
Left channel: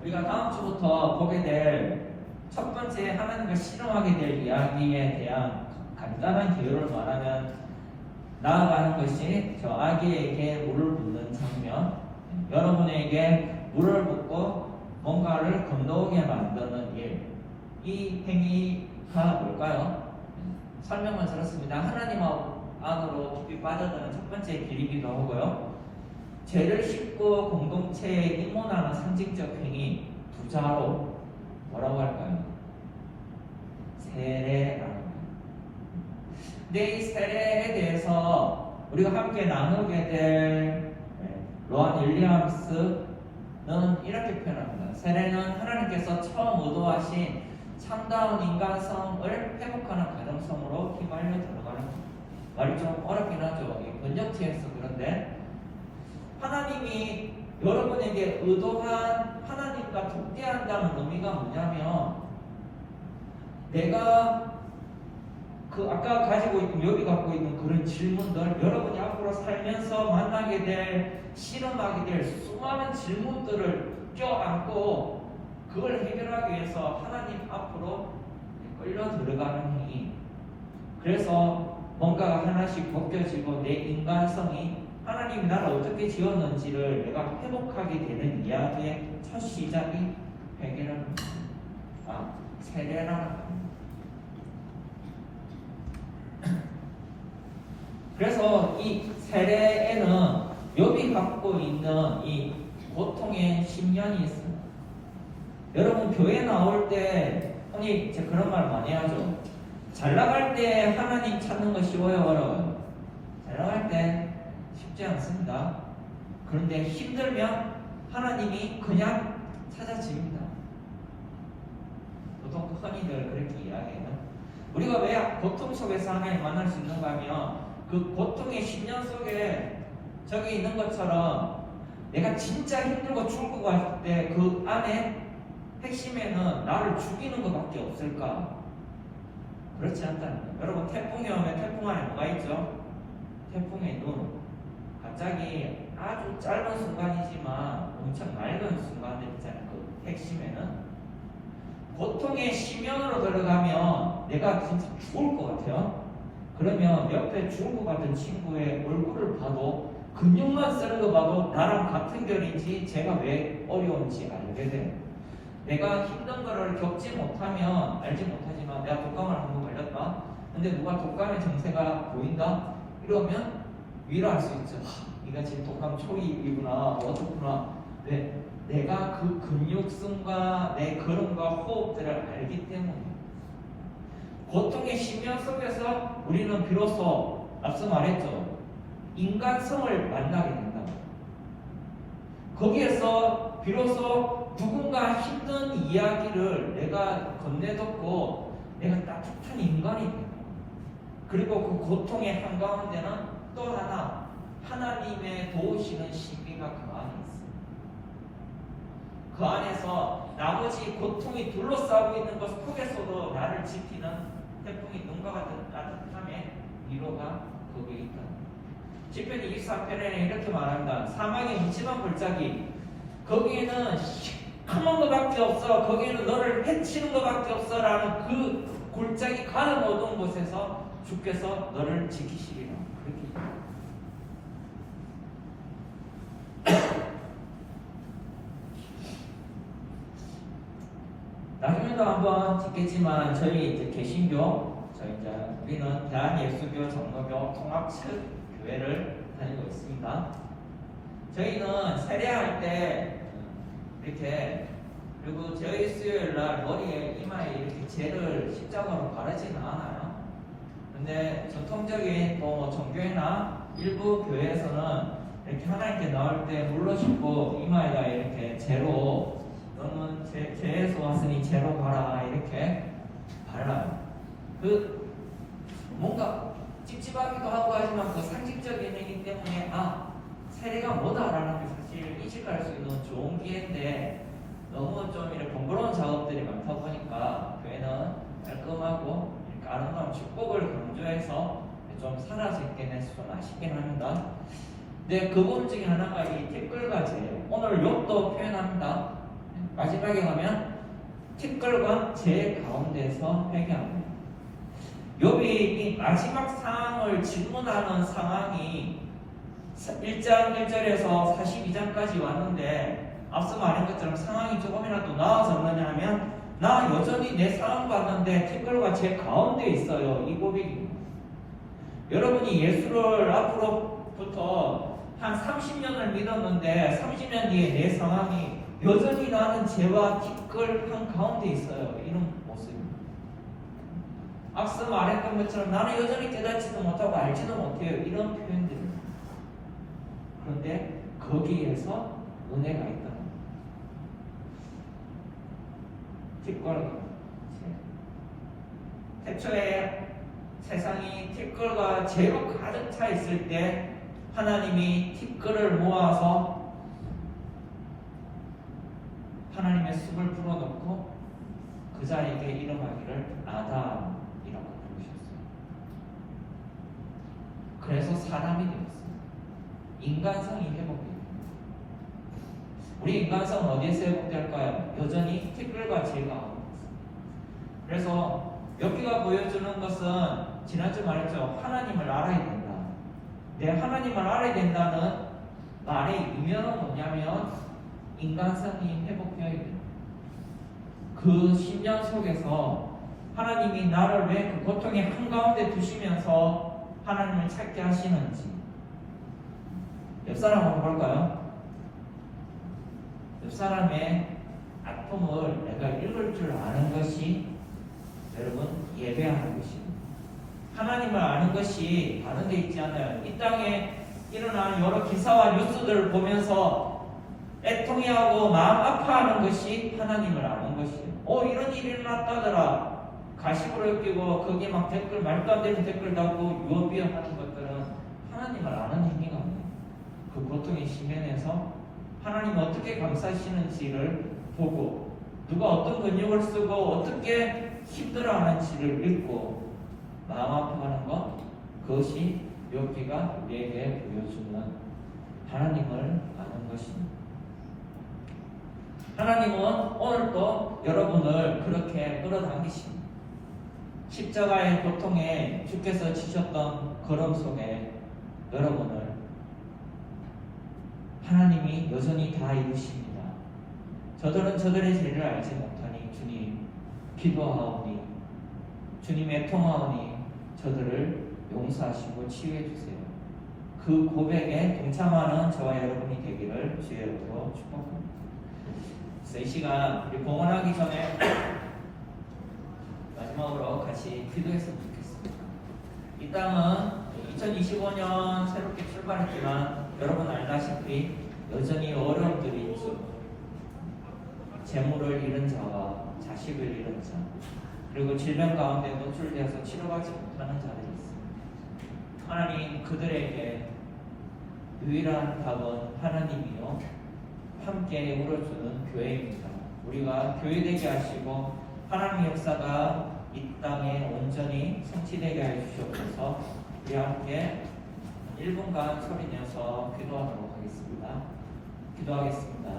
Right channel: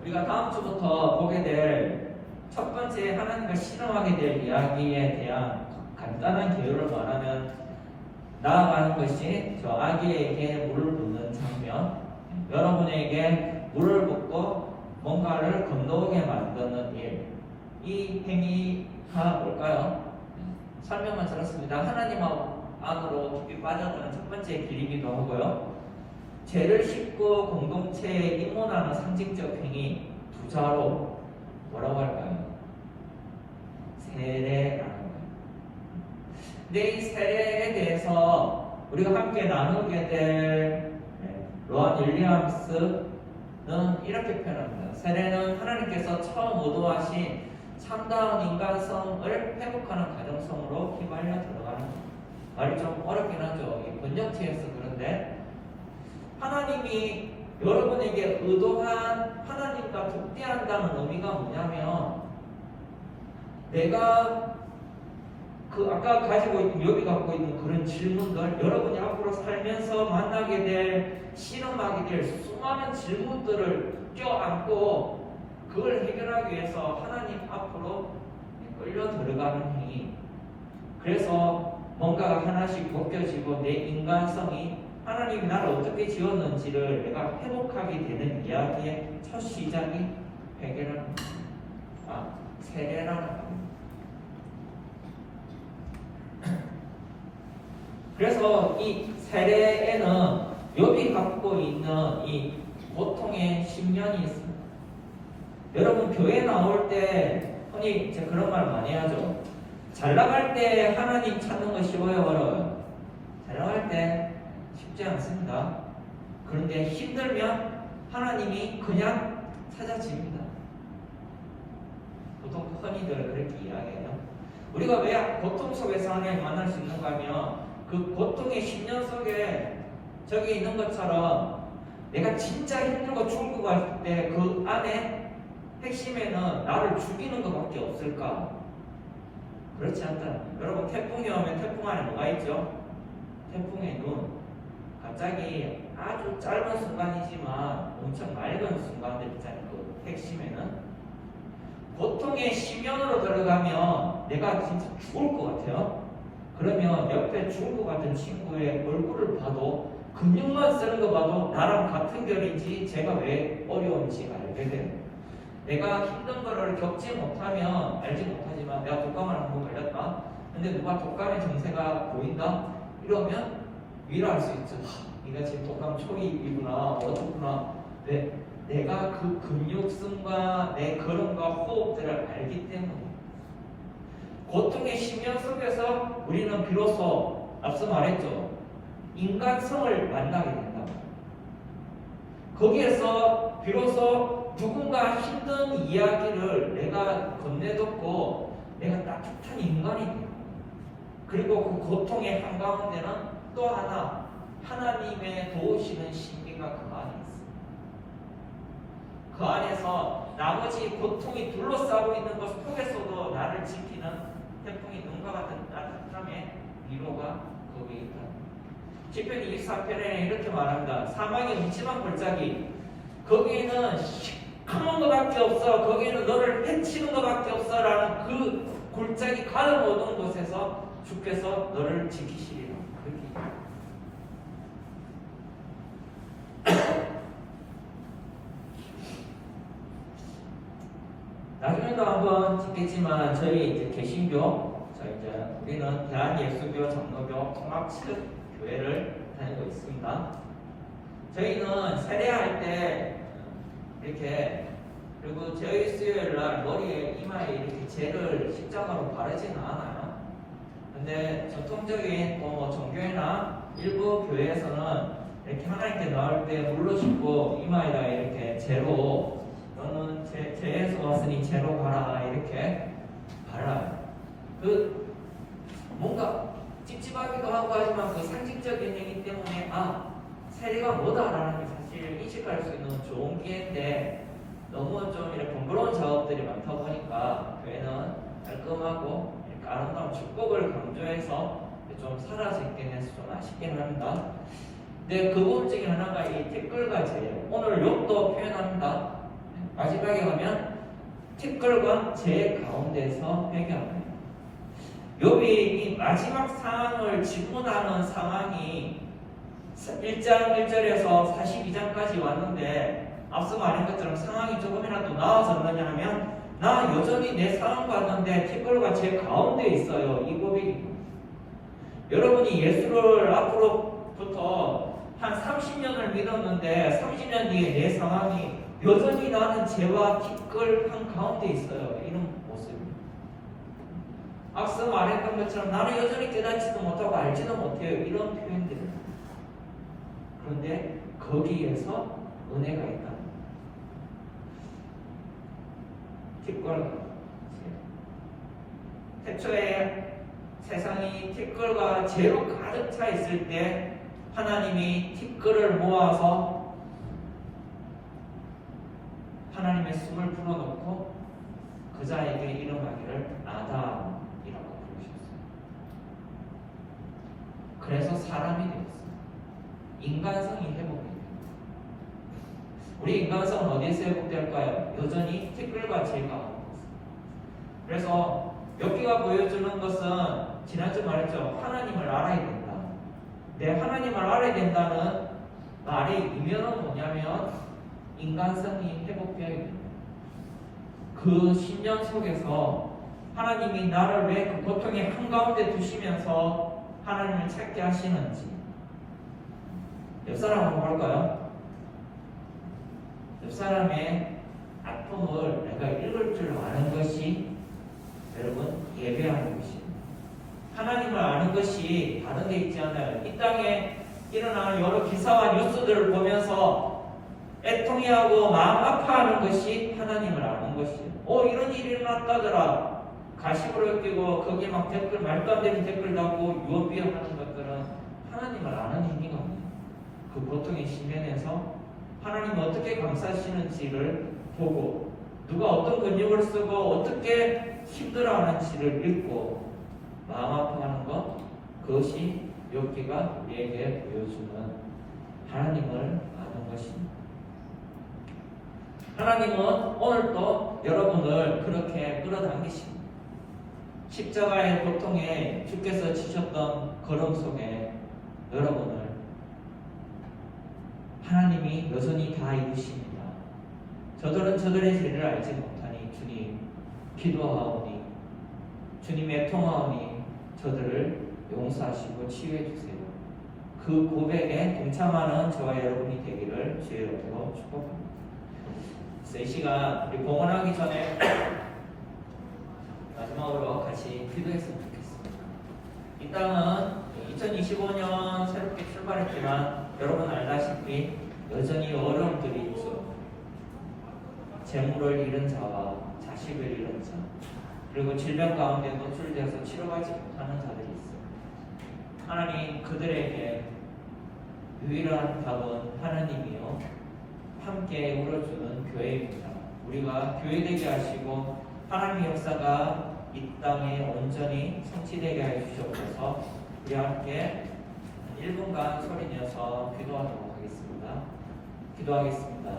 우리가 다음 주부터 보게 될 첫 번째 하나님과 씨름하게 될 이야기에 대한 간단한 개요를 말하면 나아가는 것이 저 아기에게 물을 붓는 장면, 여러분에게 물을 붓고 뭔가를 건너오게 만드는 일, 이 행위가 뭘까요? 설명을 들었습니다. 하나님 안으로 깊이 빠져드는 첫 번째 길이기도 하고요. 죄를 씻고 공동체에 입문하는 상징적 행위 두 자로 뭐라고 할까요? 세례라는 거예요. 근데 이 세례에 대해서 우리가 함께 나누게 될 로안 윌리엄스는 이렇게 표현합니다. 세례는 하나님께서 처음 의도하신 참다운 인간성을 회복하는 가정성으로 휘말려 들어가는 거예요. 말이 좀 어렵긴 하죠. 번역체에서 그런데 하나님이 여러분에게 의도한 하나님과 독대한다는 의미가 뭐냐면 내가 그 아까 가지고 있고 여기 갖고 있는 그런 질문들 여러분이 앞으로 살면서 만나게 될 실험하게 될 수많은 질문들을 껴안고 그걸 해결하기 위해서 하나님 앞으로 끌려 들어가는 행위. 그래서 뭔가가 하나씩 벗겨지고 내 인간성이 하나님이 나를 어떻게 지었는지를 내가 회복하게 되는 이야기의 첫 시작이 회개는 세례라는 겁니다. 그래서 이 세례에는 욥이 갖고 있는 이 고통의 신년이 있습니다. 여러분 교회 나올 때 흔히 제가 그런 말 많이 하죠. 잘 나갈 때 하나님 찾는 거 쉬워요, 어려워요? 잘 나갈 때 쉽지 않습니다. 그런데 힘들면 하나님이 그냥 찾아집니다. 보통 흔히들 그렇게 이야기해요. 우리가 왜 고통 속에서 하나님 만날 수 있는가 하면 그 고통의 10년 속에 저기 있는 것처럼 내가 진짜 힘들고 죽고 갈 때 그 안에 핵심에는 나를 죽이는 것밖에 없을까? 그렇지 않다는 거예요. 여러분 태풍이 오면 태풍 안에 뭐가 있죠? 태풍의 눈. 갑자기 아주 짧은 순간이지만 엄청 맑은 순간들 있잖아요. 그 핵심에는 고통의 심연으로 들어가면 내가 진짜 죽을 것 같아요. 그러면 옆에 죽을 것 같은 친구의 얼굴을 봐도 근육만 쓰는 거 봐도 나랑 같은 결인지 제가 왜 어려운지 알게 돼요. 내가 힘든 거를 겪지 못하면 알지 못하지만 내가 독감을 한번 걸렸다. 근데 누가 독감의 증세가 보인다? 이러면 위로할 수 있죠. 네가 지금 독감 초기이구나, 어떻구나. 왜? 내가 그 근육성과 내 걸음과 호흡들을 알기 때문에 고통의 심령 속에서 우리는 비로소 앞서 말했죠. 인간성을 만나게 된다. 거기에서 비로소 누군가 힘든 이야기를 내가 건네듣고 내가 따뜻한 인간이 돼요. 그리고 그 고통의 한가운데는 또 하나 하나님의 도우시는 신비가 그 안에 있습니다. 그 안에서 나머지 고통이 둘러싸고 있는 것 속에서도 나를 지키는 태풍이 눈과 같은 따뜻함의 위로가 거기에 있다. 시편 24편에 이렇게 말합니다. 사망의 음침한 골짜기, 거기에는 시커먼 것밖에 없어, 거기에는 너를 해치는 것밖에 없어 라는 그 골짜기 가는 어두운 곳에서 주께서 너를 지키시리라. 그렇게 나중에도 한번 듣겠지만 저희 이제 개신교, 우리는 대한예수교 정로교 통합측 교회를 다니고 있습니다. 저희는 세례할 때 이렇게, 그리고 저희 수요일 날 머리에 이마에 이렇게 젤을 십자가로 바르지는 않아요. 근데 전통적인 종교회나 일부 교회에서는 이렇게 하나님께 나올 때 물로 씻고 이마에다 이렇게 젤로, 너는 죄에서 왔으니 죄로 가라 이렇게 발라요. 그 뭔가 찝찝하기도 하고 하지만 그 상징적인 의미 때문에 세례가 뭐다라는 게 사실 인식할 수 있는 좋은 기회인데 너무 좀 이렇게 번거로운 작업들이 많다 보니까 교회는 깔끔하고 아름다운 축복을 강조해서 좀 사라져 있긴 해서 좀 아쉽긴 합니다. 근데 그 부분 중에 하나가 이 티끌과 재, 오늘 욕도 표현합니다. 마지막에 가면 티끌과 재 가운데서 회개합니다. 욥이 이 마지막 상황을 질문하는 상황이 1장 1절에서 42장까지 왔는데 앞서 말한 것처럼 상황이 조금이라도 나아졌느냐 하면 나 여전히 내 상황 봤는데 티끌과 재 가운데 있어요. 이 고백입니다. 여러분이 예수를 앞으로부터 한 30년을 믿었는데 30년 뒤에 내 상황이 여전히 나는 죄와 티끌 한 가운데 있어요. 이런 모습입니다. 앞서 말했던 것처럼 나는 여전히 깨닫지도 못하고 알지도 못해요. 이런 표현들입니다. 그런데 거기에서 은혜가 있다. 티끌과 태초에 세상이 티끌과 죄로 가득 차 있을 때 하나님이 티끌을 모아서 하나님의 숲을 풀어놓고 그 자에게 일어나기를 아담이라고 부르셨어요. 그래서 사람이 되었습니다. 인간성이 회복됩니다. 우리 인간성은 어디에서 회복될까요? 여전히 티끌과 죄가. 그래서 욥기가 보여주는 것은 지난주 말했죠. 하나님을 알아야 된다. 내 하나님을 알아야 된다는 말의 의미는 뭐냐면 인간성이 회복되어야 됩니다. 그 신년 속에서 하나님이 나를 왜 그 고통의 한가운데 두시면서 하나님을 찾게 하시는지 옆 사람 한번 볼까요? 옆 사람의 아픔을 내가 읽을 줄 아는 것이 여러분 예배하는 것입니다. 하나님을 아는 것이 다른 게 있지 않아요. 이 땅에 일어나는 여러 기사와 뉴스들을 보면서 애통해하고 마음 아파하는 것이 하나님을 아는 것이에요. 이런 일이 일어났다더라. 가십으로 끼고 거기에 막 댓글, 말도 안 되는 댓글 달고 유언비어하는 것들은 하나님을 아는 행위가 아니에요. 그 고통의 심연에서 하나님 어떻게 감사하시는지를 보고 누가 어떤 근육을 쓰고 어떻게 힘들어하는지를 믿고 마음 아파하는 것, 그것이 욥기가 우리에게 보여주는 하나님을 아는 것입니다. 하나님은 오늘도 여러분을 그렇게 끌어당기십니다. 십자가의 고통에 주께서 지셨던 걸음 속에 여러분을 하나님이 여전히 다 이루십니다. 저들은 저들의 죄를 알지 못하니 주님 기도하오니 주님 애통하오니 저들을 용서하시고 치유해 주세요. 그 고백에 동참하는 저와 여러분이 되기를 주의 이름으로 축복합니다. 이 시간 우리 공헌하기 전에 마지막으로 같이 기도했으면 좋겠습니다. 이 땅은 2025년 새롭게 출발했지만 여러분 알다시피 여전히 어려움들이 있죠. 재물을 잃은 자와 자식을 잃은 자, 그리고 질병 가운데 노출되어서 치료받지 못하는 자들이 있습니다. 하나님 그들에게 유일한 답은 하나님이요 함께 이루어주는 교회입니다. 우리가 교회되게 하시고 하나님의 역사가 이 땅에 온전히 성취되게 하여 주시옵소서. 우리 함께 1분간 소리 내서 기도하도록 하겠습니다. 기도하겠습니다.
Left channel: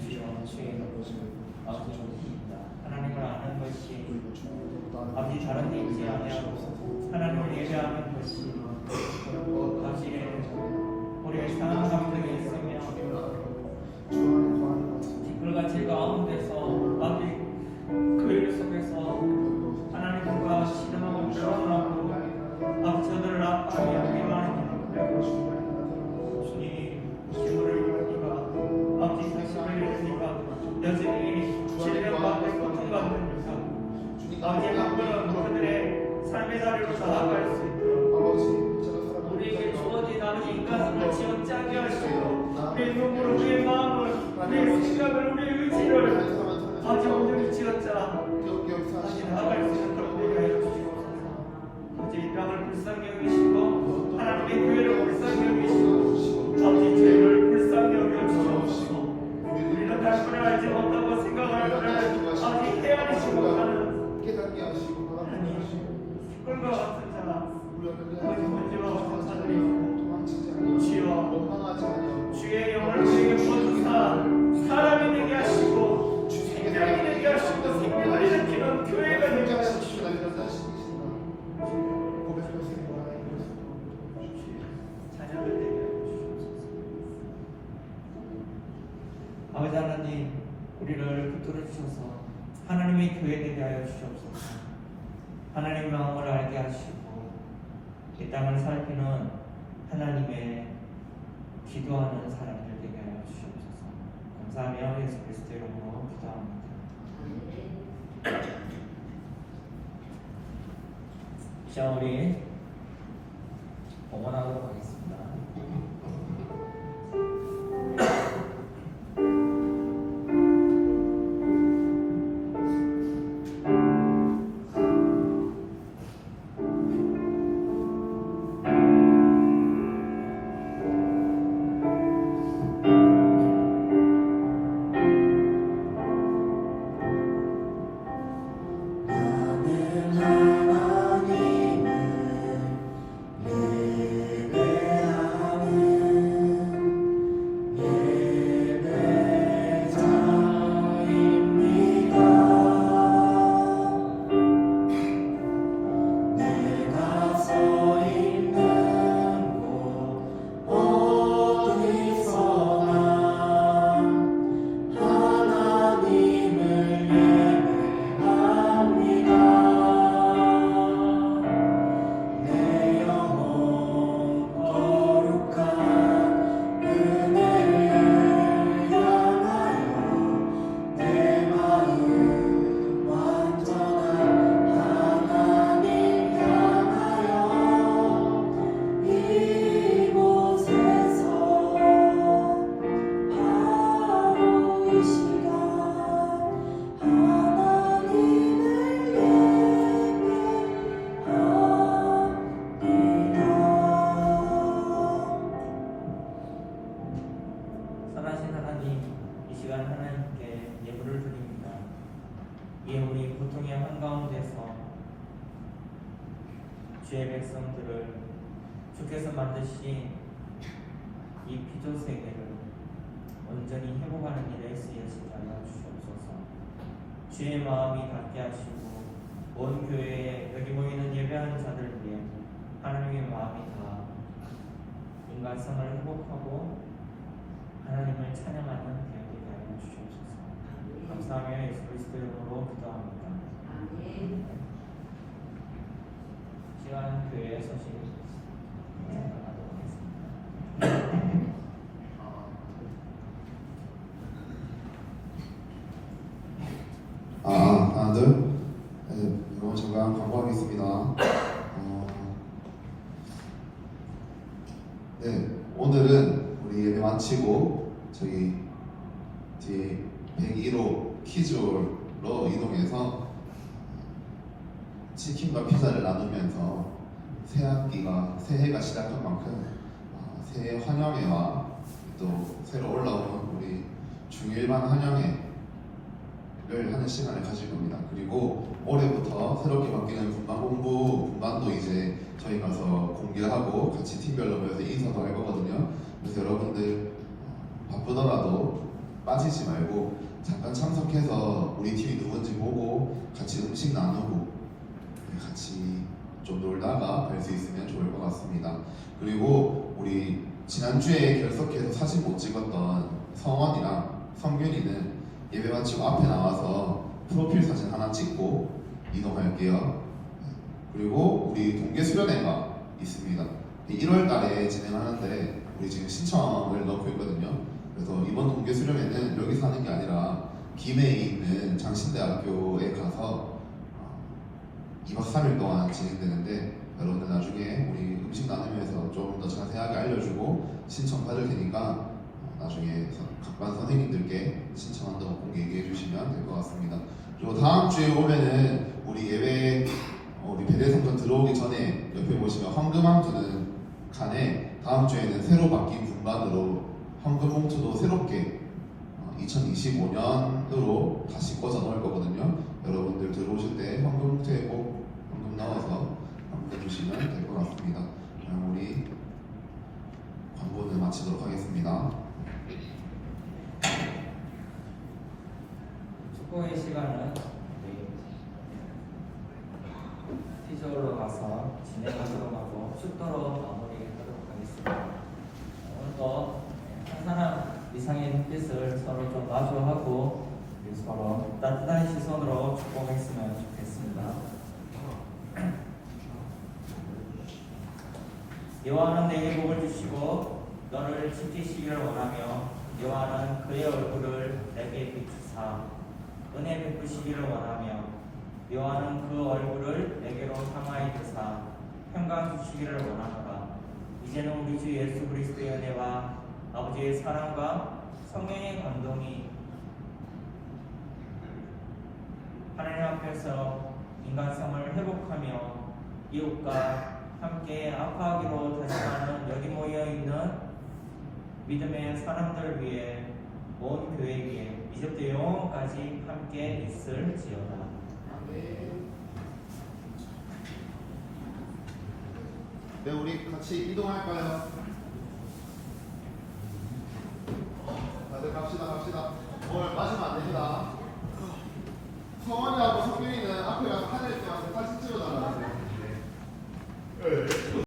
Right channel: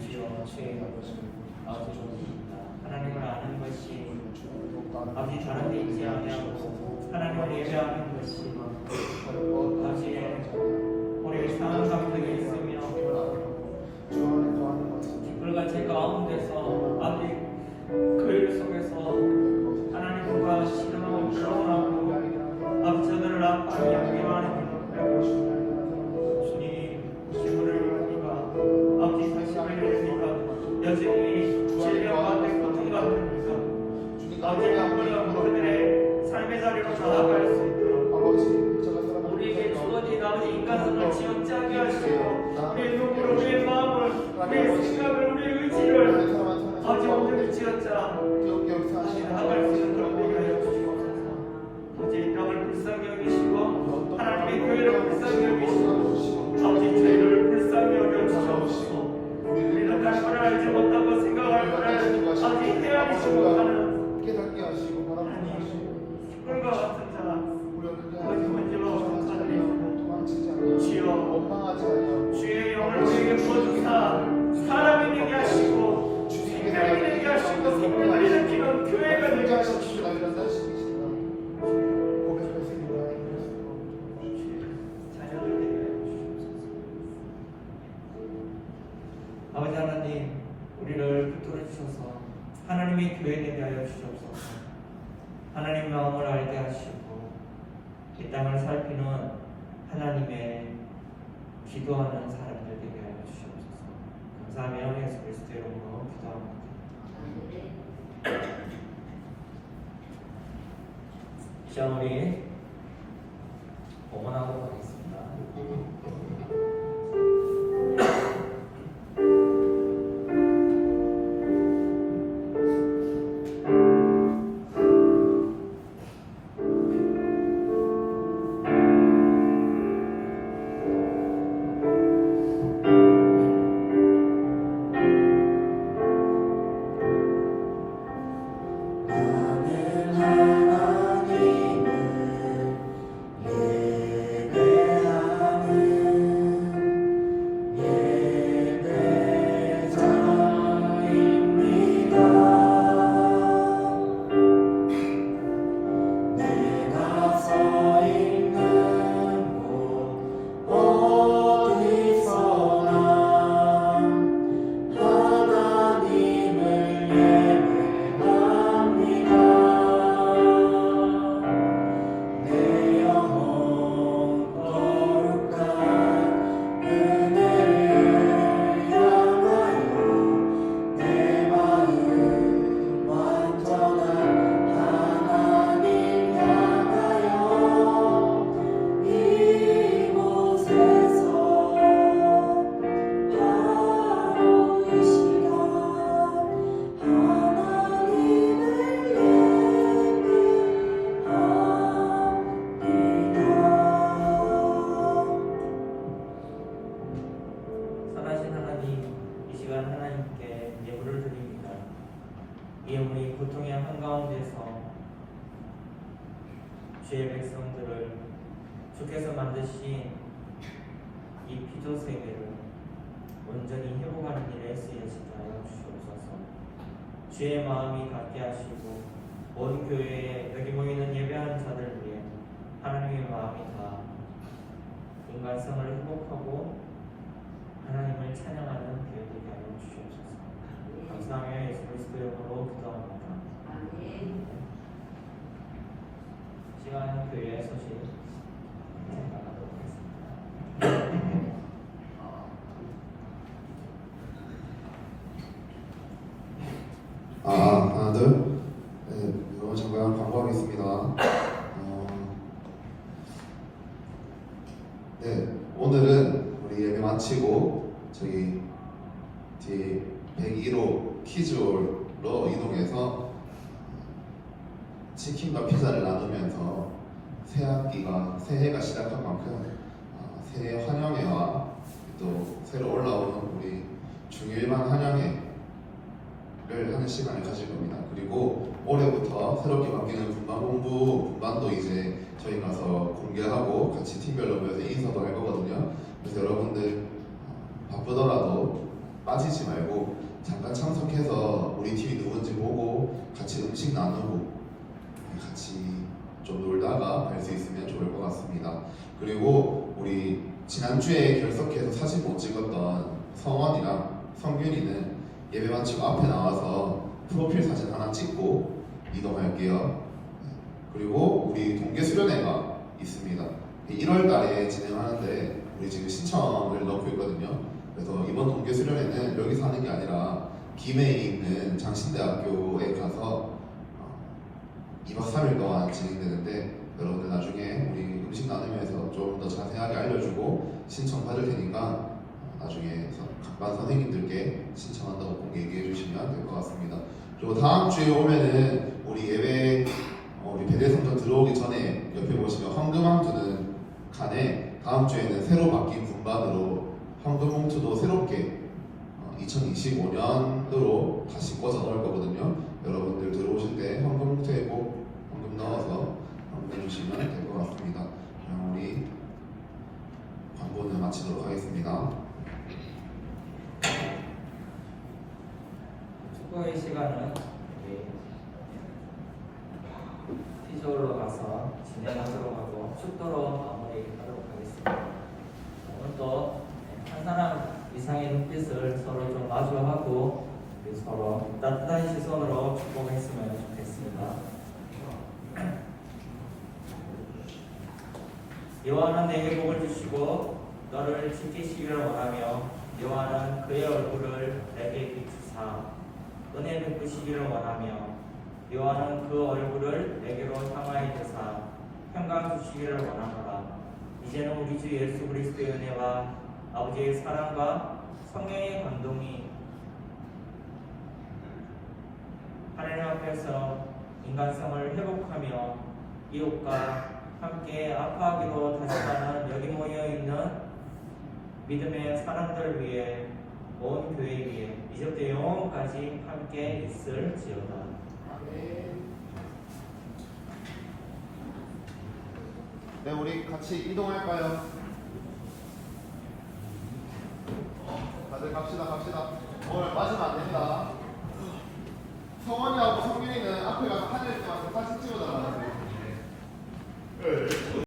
주여 주의 이름으로 아버지 좋으십니다. 하나님을 아는 것이 아버지 다른 데 있지 아니하고 하나님을 예배하는 것이 아버지 우리의 상한 감정이 있으며 뒷불같이 가운데서 아버지 그 일 속에서 하나님과 신으로 배워나고 아버지 저들을 아파하며 미워하는 주님 힘을 잃으니까 아버지 자신을 잃으니까 여전히 질병 가운데 고통 가운데니까 아버지 그들의 삶의 자리로 나아갈 수 있도록 우리에게 주어진 아버지 인간성을 지어짜게 하시고 우리의 눈물, 우리의 마음을, 우리의 생각을, 우리의 의지를 아버지 온전히 지어짜 다시 나아갈 수 있는 그런 우리가 해주시옵소서. 아버지 이 땅을 불쌍히 여기시고 하나님의 교회를 불쌍히 여기시고 아버지 저희를 불쌍히 여겨주시옵소서. 우리는 갈 거를 알지 못하고 생각할 거를 아버지 헤아리지 못하는 하나님 꿀과 같은 자 아버지 문제와 같은 자들이 주여 주의 영을 우리에게 부어주사 사람이 되게 하시고 생명이 되게 하시고 생명을 일으키는 교회가 되게 하시고 자녀들 되게 하시옵소서. 아버지 하나님 우리를 붙들어 주셔서 하나님의 교회 되게 하여 주시옵소서. 하나님의 마음을 알게 하시고 이 땅을 살피는 하나님의 기도하는 사람들 되게 하여 주시옵소서. 감사하며 예수 그리스도 이름으로 기도합니다. 시험 우리 봉헌하도록 하겠습니다. 주의 백성들을 주께서 만드신 이 기도 세계를 온전히 회복하는 일에 쓰여지도록 주옵소서. 주의 마음이 갖게 하시고 온 교회에 여기 모이는 예배하는 자들 위해 하나님의 마음이 다 인간성을 회복하고 하나님을 찬양하는 교회되게 하여 주시옵소서. 감사하며 예수 그리스도 이름으로 기도합니다. 시간 교회 소식 나가도록 하겠습니다. 하나 둘. 네, 여러분 잠깐 광고하겠습니다. 네, 오늘은 우리 예배 마치고 저기 뒤에 101호 키즈홀로 이동해서 치킨과 피자를 나누면서 새해가 시작한 만큼 새해 환영회와 또 새로 올라오는 우리 중일반 환영회를 하는 시간을 가질 겁니다. 그리고 올해부터 새롭게 바뀌는 분반도 이제 저희 가서 공개하고 같이 팀별로 모여서 인사도 할 거거든요. 그래서 여러분들 바쁘더라도 빠지지 말고 잠깐 참석해서 우리 팀이 누군지 보고 같이 음식 나누고 같이 좀 놀다가 갈 수 있으면 좋을 것 같습니다. 그리고 우리 지난주에 결석해서 사진 못 찍었던 성원이랑 성균이는 예배 마치고 앞에 나와서 프로필 사진 하나 찍고 이동할게요. 그리고 우리 동계 수련회가 있습니다. 1월 달에 진행하는데 우리 지금 신청을 넣고 있거든요. 그래서 이번 동계 수련회는 여기서 하는 게 아니라 김해에 있는 장신대학교에 가서 2박 3일 동안 진행되는데 여러분들 나중에 우리 음식 나누면서 좀 더 자세하게 알려주고 신청 받을 테니까 나중에 각반 선생님들께 신청한다고 꼭 얘기해 주시면 될 것 같습니다. 그리고 다음 주에 오면은 우리 예배 우리 배대성전 들어오기 전에 옆에 보시면 황금함 두는 칸에 다음 주에는 새로 바뀐 분반으로 황금 봉투도 새롭게 2025년으로 다시 꽂아 놓을 거거든요. 여러분들 들어오실 때 황금 봉투에 꼭 황금 넣어서 보내주시면 될 것 같습니다. 그럼 우리 광고는 마치도록 하겠습니다. 축복의 시간은 티저로 가서 진행하도록 하고 축도로 마무리하도록 하겠습니다. 오늘도 한 사람 이상의 눈빛을 서로 좀 마주하고 서로 따뜻한 시선으로 축복했으면 좋겠습니다. 여호와는 내게 복을 주시고 너를 지키시기를 원하며 여호와는 그의 얼굴을 내게 비추사 은혜 베푸시기를 원하며 여호와는 그 얼굴을 내게로 향하여 드사 평강 주시기를 원하노라. 이제는 우리 주 예수 그리스도의 은혜와 아버지의 사랑과 성령의 감동이 하나님 앞에서 인간성을 회복하며 이웃과 함께 아파하기로 다시 가는 여기 모여있는 믿음의 사람들 위해 온 교회 위에 이제부터 영원까지 함께 있을지어다. 네, 우리 같이 이동할까요? 다들 갑시다. 오늘 맞으면 안 됩니다. 성원이하고 성균이는 앞에 가서 하늘 때만 사진 찍어달라는데.